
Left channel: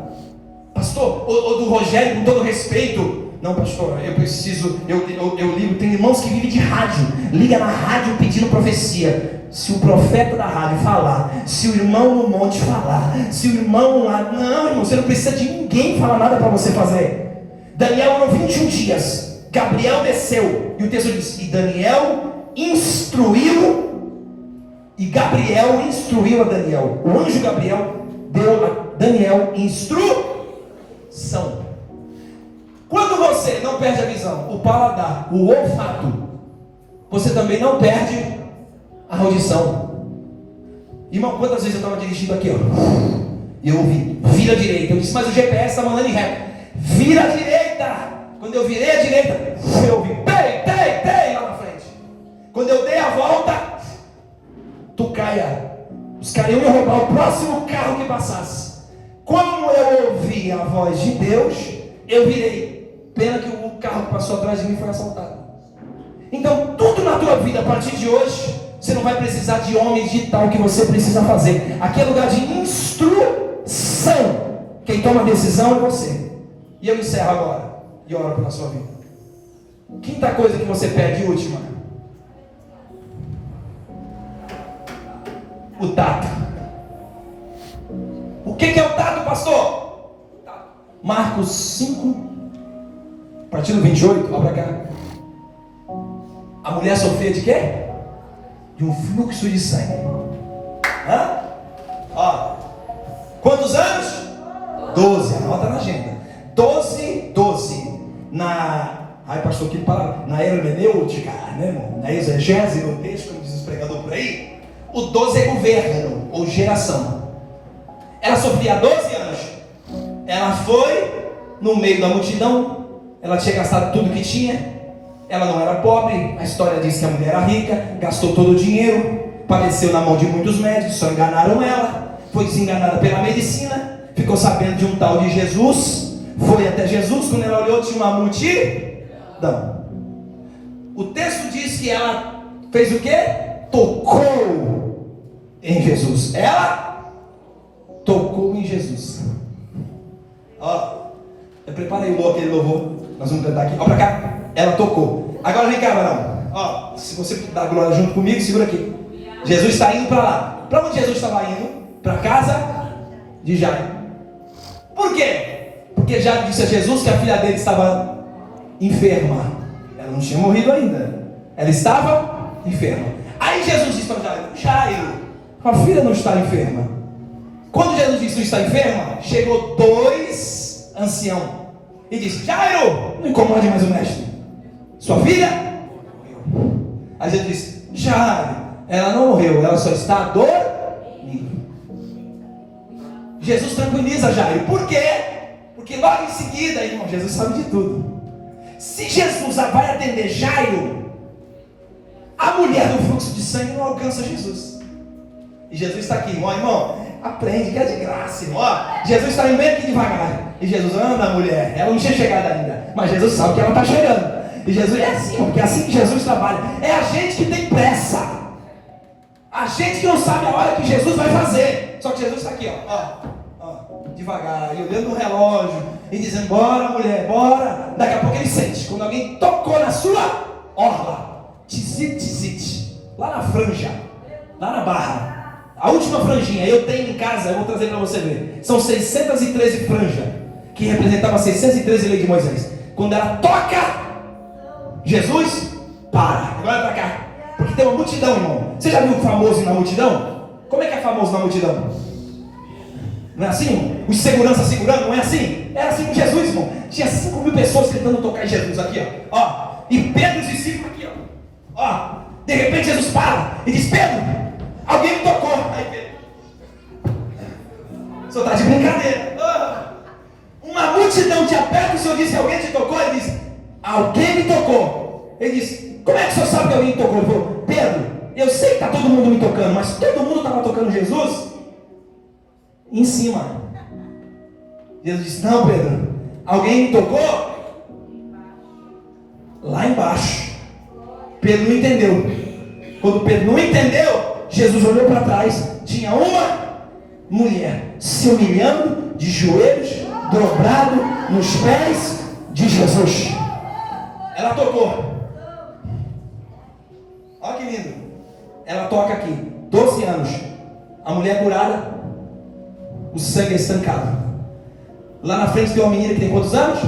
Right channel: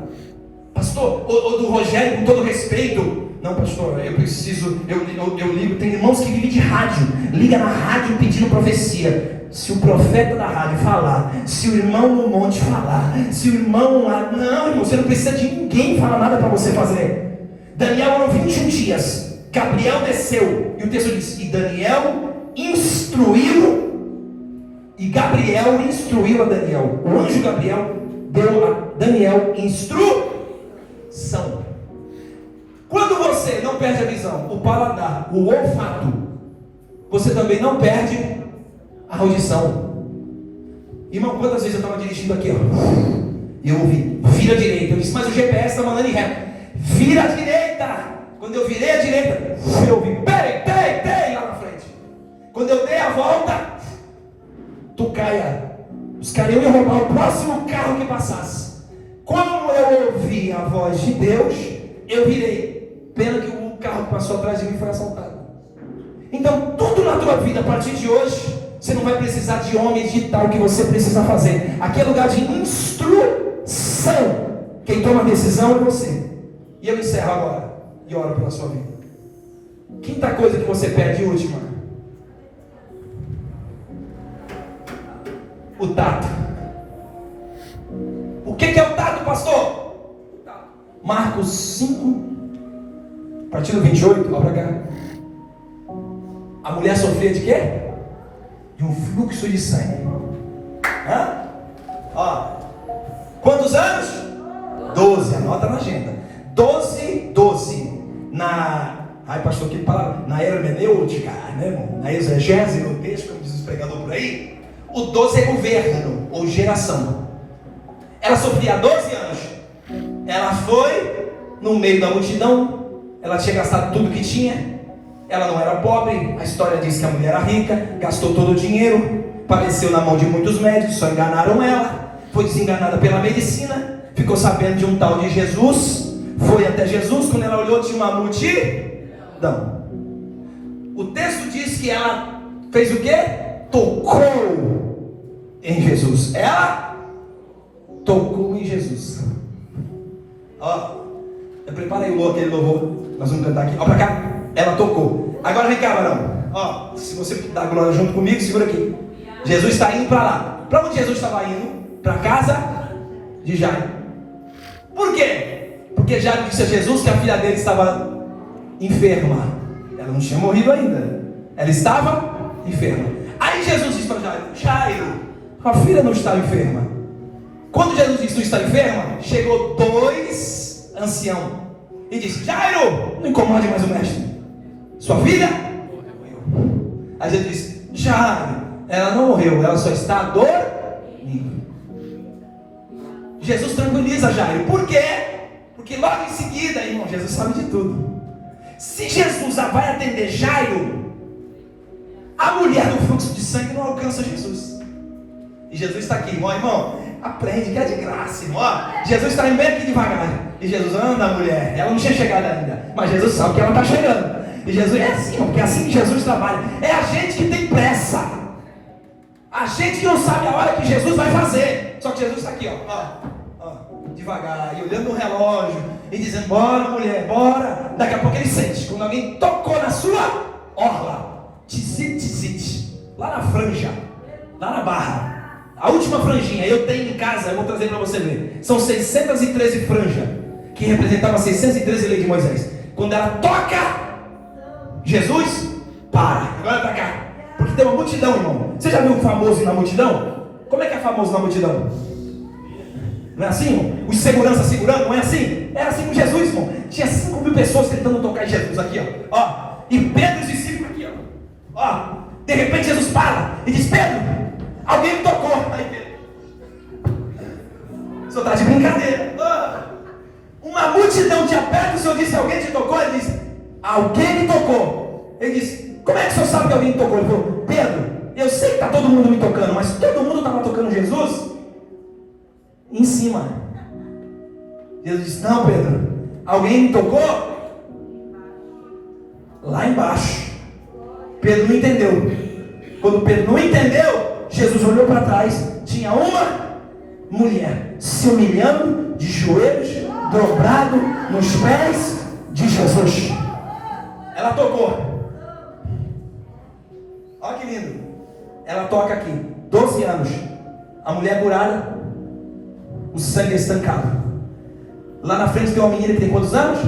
pastor, ou do Rogério, com todo respeito. Não, pastor, eu preciso, eu ligo. Tem irmãos que vivem de rádio, liga na rádio pedindo profecia. Se o profeta da rádio falar, se o irmão no monte falar, se o irmão lá, não, irmão, você não precisa de ninguém falar nada para você fazer. Daniel eram 21 dias, Gabriel desceu, e o texto diz, e Gabriel instruiu a Daniel. O anjo Gabriel deu a Daniel instrução. Quando você não perde a visão, o paladar, o olfato, você também não perde a audição. Irmão, quantas vezes eu estava dirigindo aqui, ó, e eu ouvi, vira à direita. Eu disse, mas o GPS está mandando em reto. Vira à direita. Quando eu virei à direita, eu ouvi, tem lá na frente. Quando eu dei a volta, os caras iam roubar o próximo carro que passasse. Como eu ouvi a voz de Deus, eu virei. Pena que o carro que passou atrás de mim foi assaltado. Então, tudo na tua vida, a partir de hoje, você não vai precisar de homem de tal que você precisa fazer. Aqui é lugar de instrução. Quem toma a decisão é você. E eu encerro agora e oro pela sua vida. Quinta coisa que você pede, última: o tato. O que é o tato, pastor? Marcos 5, a partir do 28, olha para cá. A mulher sofria de quê? De um fluxo de sangue. Ó, quantos anos? 12, anota na agenda. 12. Ai, pastor, que palavra? Na hermenêutica, né, irmão? Na exegese do texto, como diz o pregador por aí. O 12 é governo, ou geração. Ela sofria há 12 anos. Ela foi no meio da multidão. Ela tinha gastado tudo que tinha. Ela não era pobre. A história diz que a mulher era rica. Gastou todo o dinheiro. Padeceu na mão de muitos médicos. Só enganaram ela. Foi desenganada pela medicina. Ficou sabendo de um tal de Jesus. Foi até Jesus. Quando ela olhou, tinha uma multidão. O texto diz que ela fez o quê? Tocou em Jesus. Ela tocou em Jesus. Ó, eu preparei aquele louvor. Nós vamos cantar aqui. Ó, pra cá. Ela tocou. Agora vem cá, Abraão. Ó, se você dá glória junto comigo, segura aqui. Jesus está indo para lá. Para onde Jesus estava indo? Para a casa de Jairo. Por quê? Porque Jairo disse a Jesus que a filha dele estava enferma. Ela não tinha morrido ainda. Ela estava enferma. Aí Jesus disse para Jairo: Jairo, a filha não está enferma. Quando Jesus disse que está enferma, chegou 2 anciãos e disse: Jairo, não incomode mais o mestre. Sua filha morreu. Aí Jesus disse: Jairo, ela não morreu, ela só está dormindo. Jesus tranquiliza Jairo. Por quê? Porque logo em seguida, irmão, Jesus sabe de tudo. Se Jesus vai atender Jairo, a mulher do fluxo de sangue não alcança Jesus. E Jesus está aqui, irmão, aprende que é de graça, irmão. Jesus está indo bem aqui devagar. E Jesus anda, mulher, ela não tinha chegado ainda, mas Jesus sabe que ela está chegando. E Jesus é assim, porque é assim que Jesus trabalha. É a gente que tem pressa. A gente que não sabe a hora que Jesus vai fazer. Só que Jesus está aqui, devagar, e olhando no relógio, e dizendo: bora, mulher, bora. Daqui a pouco ele sente, quando alguém tocou na sua orla, tizit, lá na franja, lá na barra, a última franjinha, eu tenho em casa, eu vou trazer para você ver. São 613 franjas, que representavam 613 leis de Moisés. Quando ela toca, Jesus para, olha para cá, porque tem uma multidão, irmão. Você já viu um famoso na multidão? Como é que é famoso na multidão? Não é assim? Os seguranças segurando, não é assim? Era assim com Jesus, irmão. Tinha 5.000 pessoas tentando tocar em Jesus aqui, ó. E Pedro e os discípulos aqui, ó. De repente Jesus para e diz: Pedro, alguém me tocou. Aí Pedro, o senhor está de brincadeira. Uma multidão te aperta, o senhor disse: alguém te tocou? Ele disse: alguém me tocou. Ele disse: como é que o senhor sabe que alguém me tocou? Ele falou: Pedro, eu sei que está todo mundo me tocando, mas todo mundo estava tocando Jesus. em cima. Jesus disse: não, Pedro, alguém me tocou lá embaixo. Pedro não entendeu. Quando Pedro não entendeu, Jesus olhou para trás. Tinha uma mulher se humilhando de joelhos, dobrado nos pés de Jesus. Ela tocou. Olha que lindo. Ela toca aqui, 12 anos. A mulher curada, o sangue estancado. Lá na frente tem uma menina que tem quantos anos?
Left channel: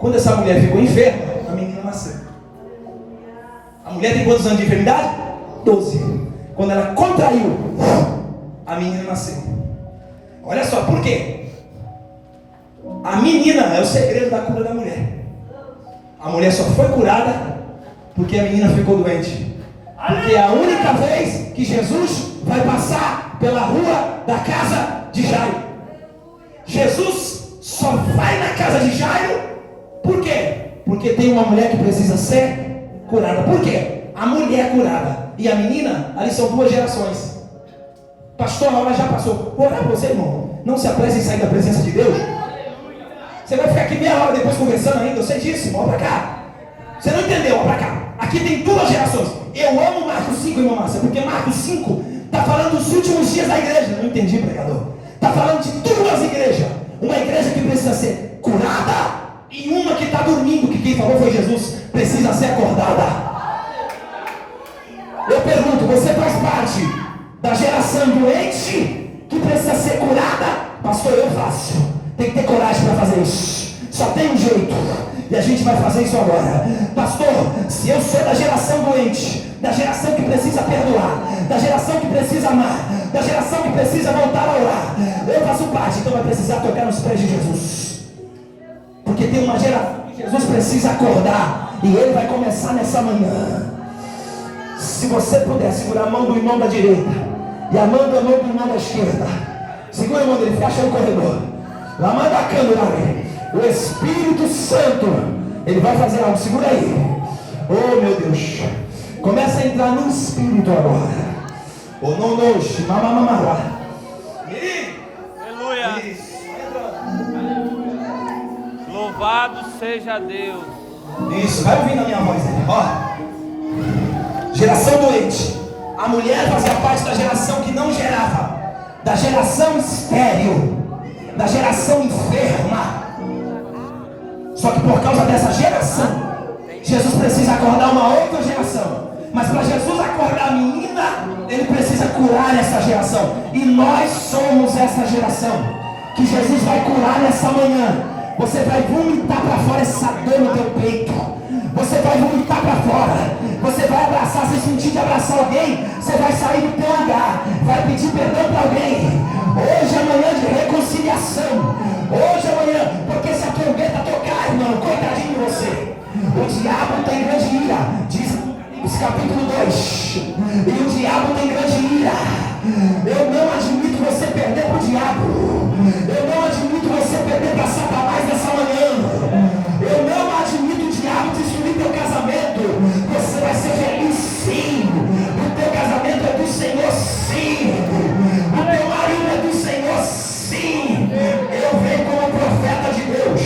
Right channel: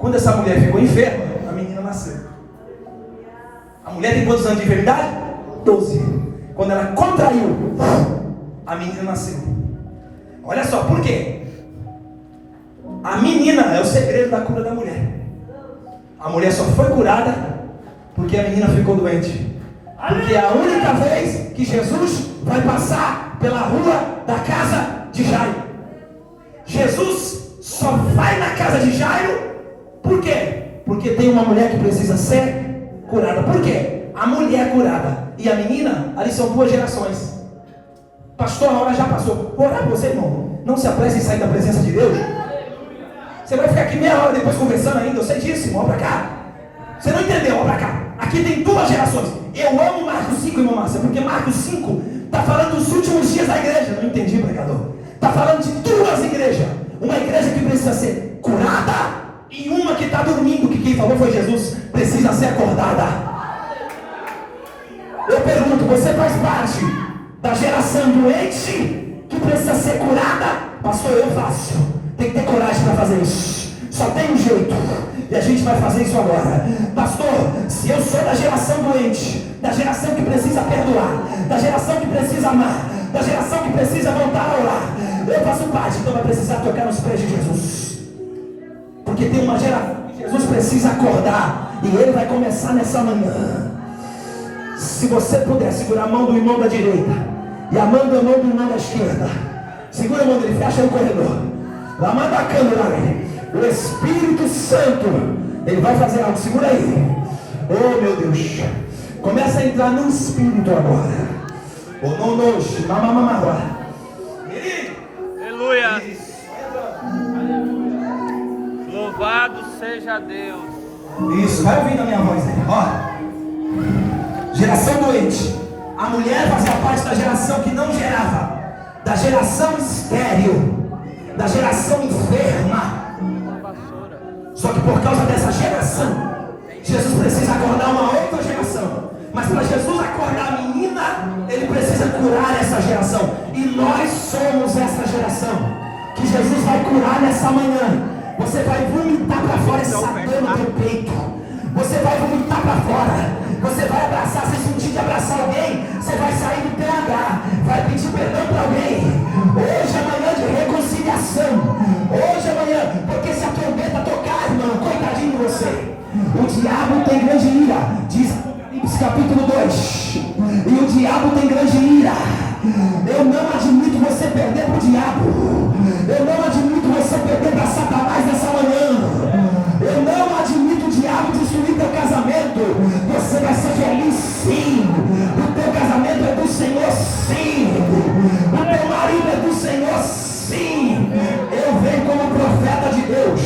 Quando essa mulher ficou enferma, a menina nasceu. A mulher tem quantos anos de enfermidade? 12. Quando ela contraiu, a menina nasceu. Olha só, por quê? A menina é o segredo da cura da mulher. A mulher só foi curada porque a menina ficou doente. Porque é a única vez que Jesus vai passar pela rua da casa de Jairo. Jesus só vai na casa de Jairo. Por quê? Porque tem uma mulher que precisa ser curada. Por quê? A mulher curada e a menina, ali são duas gerações. Pastor, a hora já passou. Vou orar por você, irmão. Não se apresse em sair da presença de Deus. Você vai ficar aqui meia hora depois conversando ainda. Eu sei disso, irmão. Olha pra cá. Você não entendeu? Olha pra cá. Aqui tem duas gerações. Eu amo Marcos 5, irmão Márcia, porque Marcos 5 está falando dos últimos dias da igreja. Não entendi, pregador. Está falando de duas igrejas. Uma igreja que precisa ser curada e uma que está dormindo, que quem falou foi Jesus, precisa ser acordada. Eu pergunto, você faz parte da geração doente que precisa ser curada? Pastor, eu faço. Tem que ter coragem para fazer isso. Só tem um jeito. E a gente vai fazer isso agora. Pastor, se eu sou da geração doente, da geração que precisa perdoar, da geração que precisa amar, da geração que precisa voltar a orar, eu faço parte, então vai precisar tocar nos pés de Jesus. Porque tem uma geração que Jesus precisa acordar. E ele vai começar nessa manhã. Se você puder segurar a mão do irmão da direita e a mão do irmão da esquerda, segura a mão dele, fecha no corredor. Lá manda a câmera. O Espírito Santo, ele vai fazer algo. Segura aí. Oh meu Deus. Começa a entrar no Espírito agora. Oh não, mamamamá. Aleluia. Louvado seja Deus. Isso, vai ouvindo a minha voz aí. Ó. Geração doente. A mulher fazia parte da geração que não gerava, da geração estéril, da geração enferma. Só que por causa dessa geração, Jesus precisa acordar uma outra geração. Mas para Jesus acordar a menina, ele precisa curar essa geração. E nós somos essa geração que Jesus vai curar nessa manhã. Você vai vomitar para fora essa dor no teu peito. Você vai vomitar para fora. Você vai abraçar, se sentir de abraçar alguém, você vai sair do teu lugar, vai pedir perdão para alguém. Hoje é manhã de reconciliação. Hoje é manhã, porque se a trombeta tocar, irmão, coitadinho de você. O diabo tem grande ira, diz Apocalipse capítulo 2. E o diabo tem grande ira. Eu não admito você perder para o diabo. Eu não admito você perder para Satanás nessa manhã. Eu não admito o diabo destruir teu casamento. Você vai ser feliz sim. O teu casamento é do Senhor sim. O teu marido é do Senhor sim. Eu venho como profeta de Deus.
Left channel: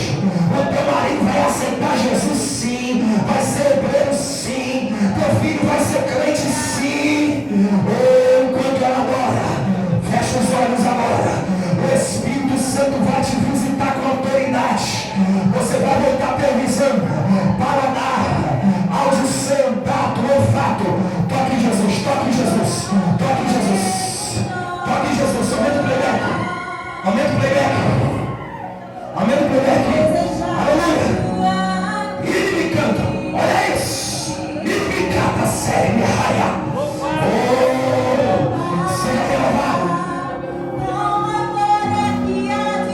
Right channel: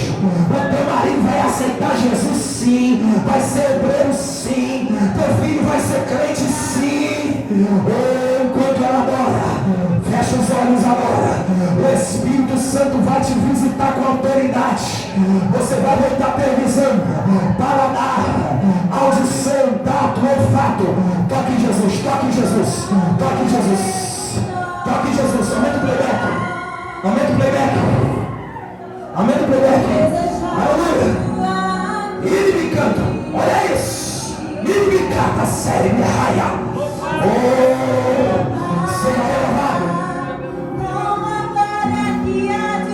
O teu marido vai aceitar Jesus sim. Vai ser obreiro sim. Teu filho vai ser crente sim. Enquanto ela adora, fecha os olhos agora. O Espírito Santo vai te visitar com autoridade. Você vai voltar a ter visão, paladar, audição, tato, olfato. Toque em Jesus, toque em Jesus, toque em Jesus, toque em Jesus. Aumenta o playback, aumenta o playback, aumenta o playback.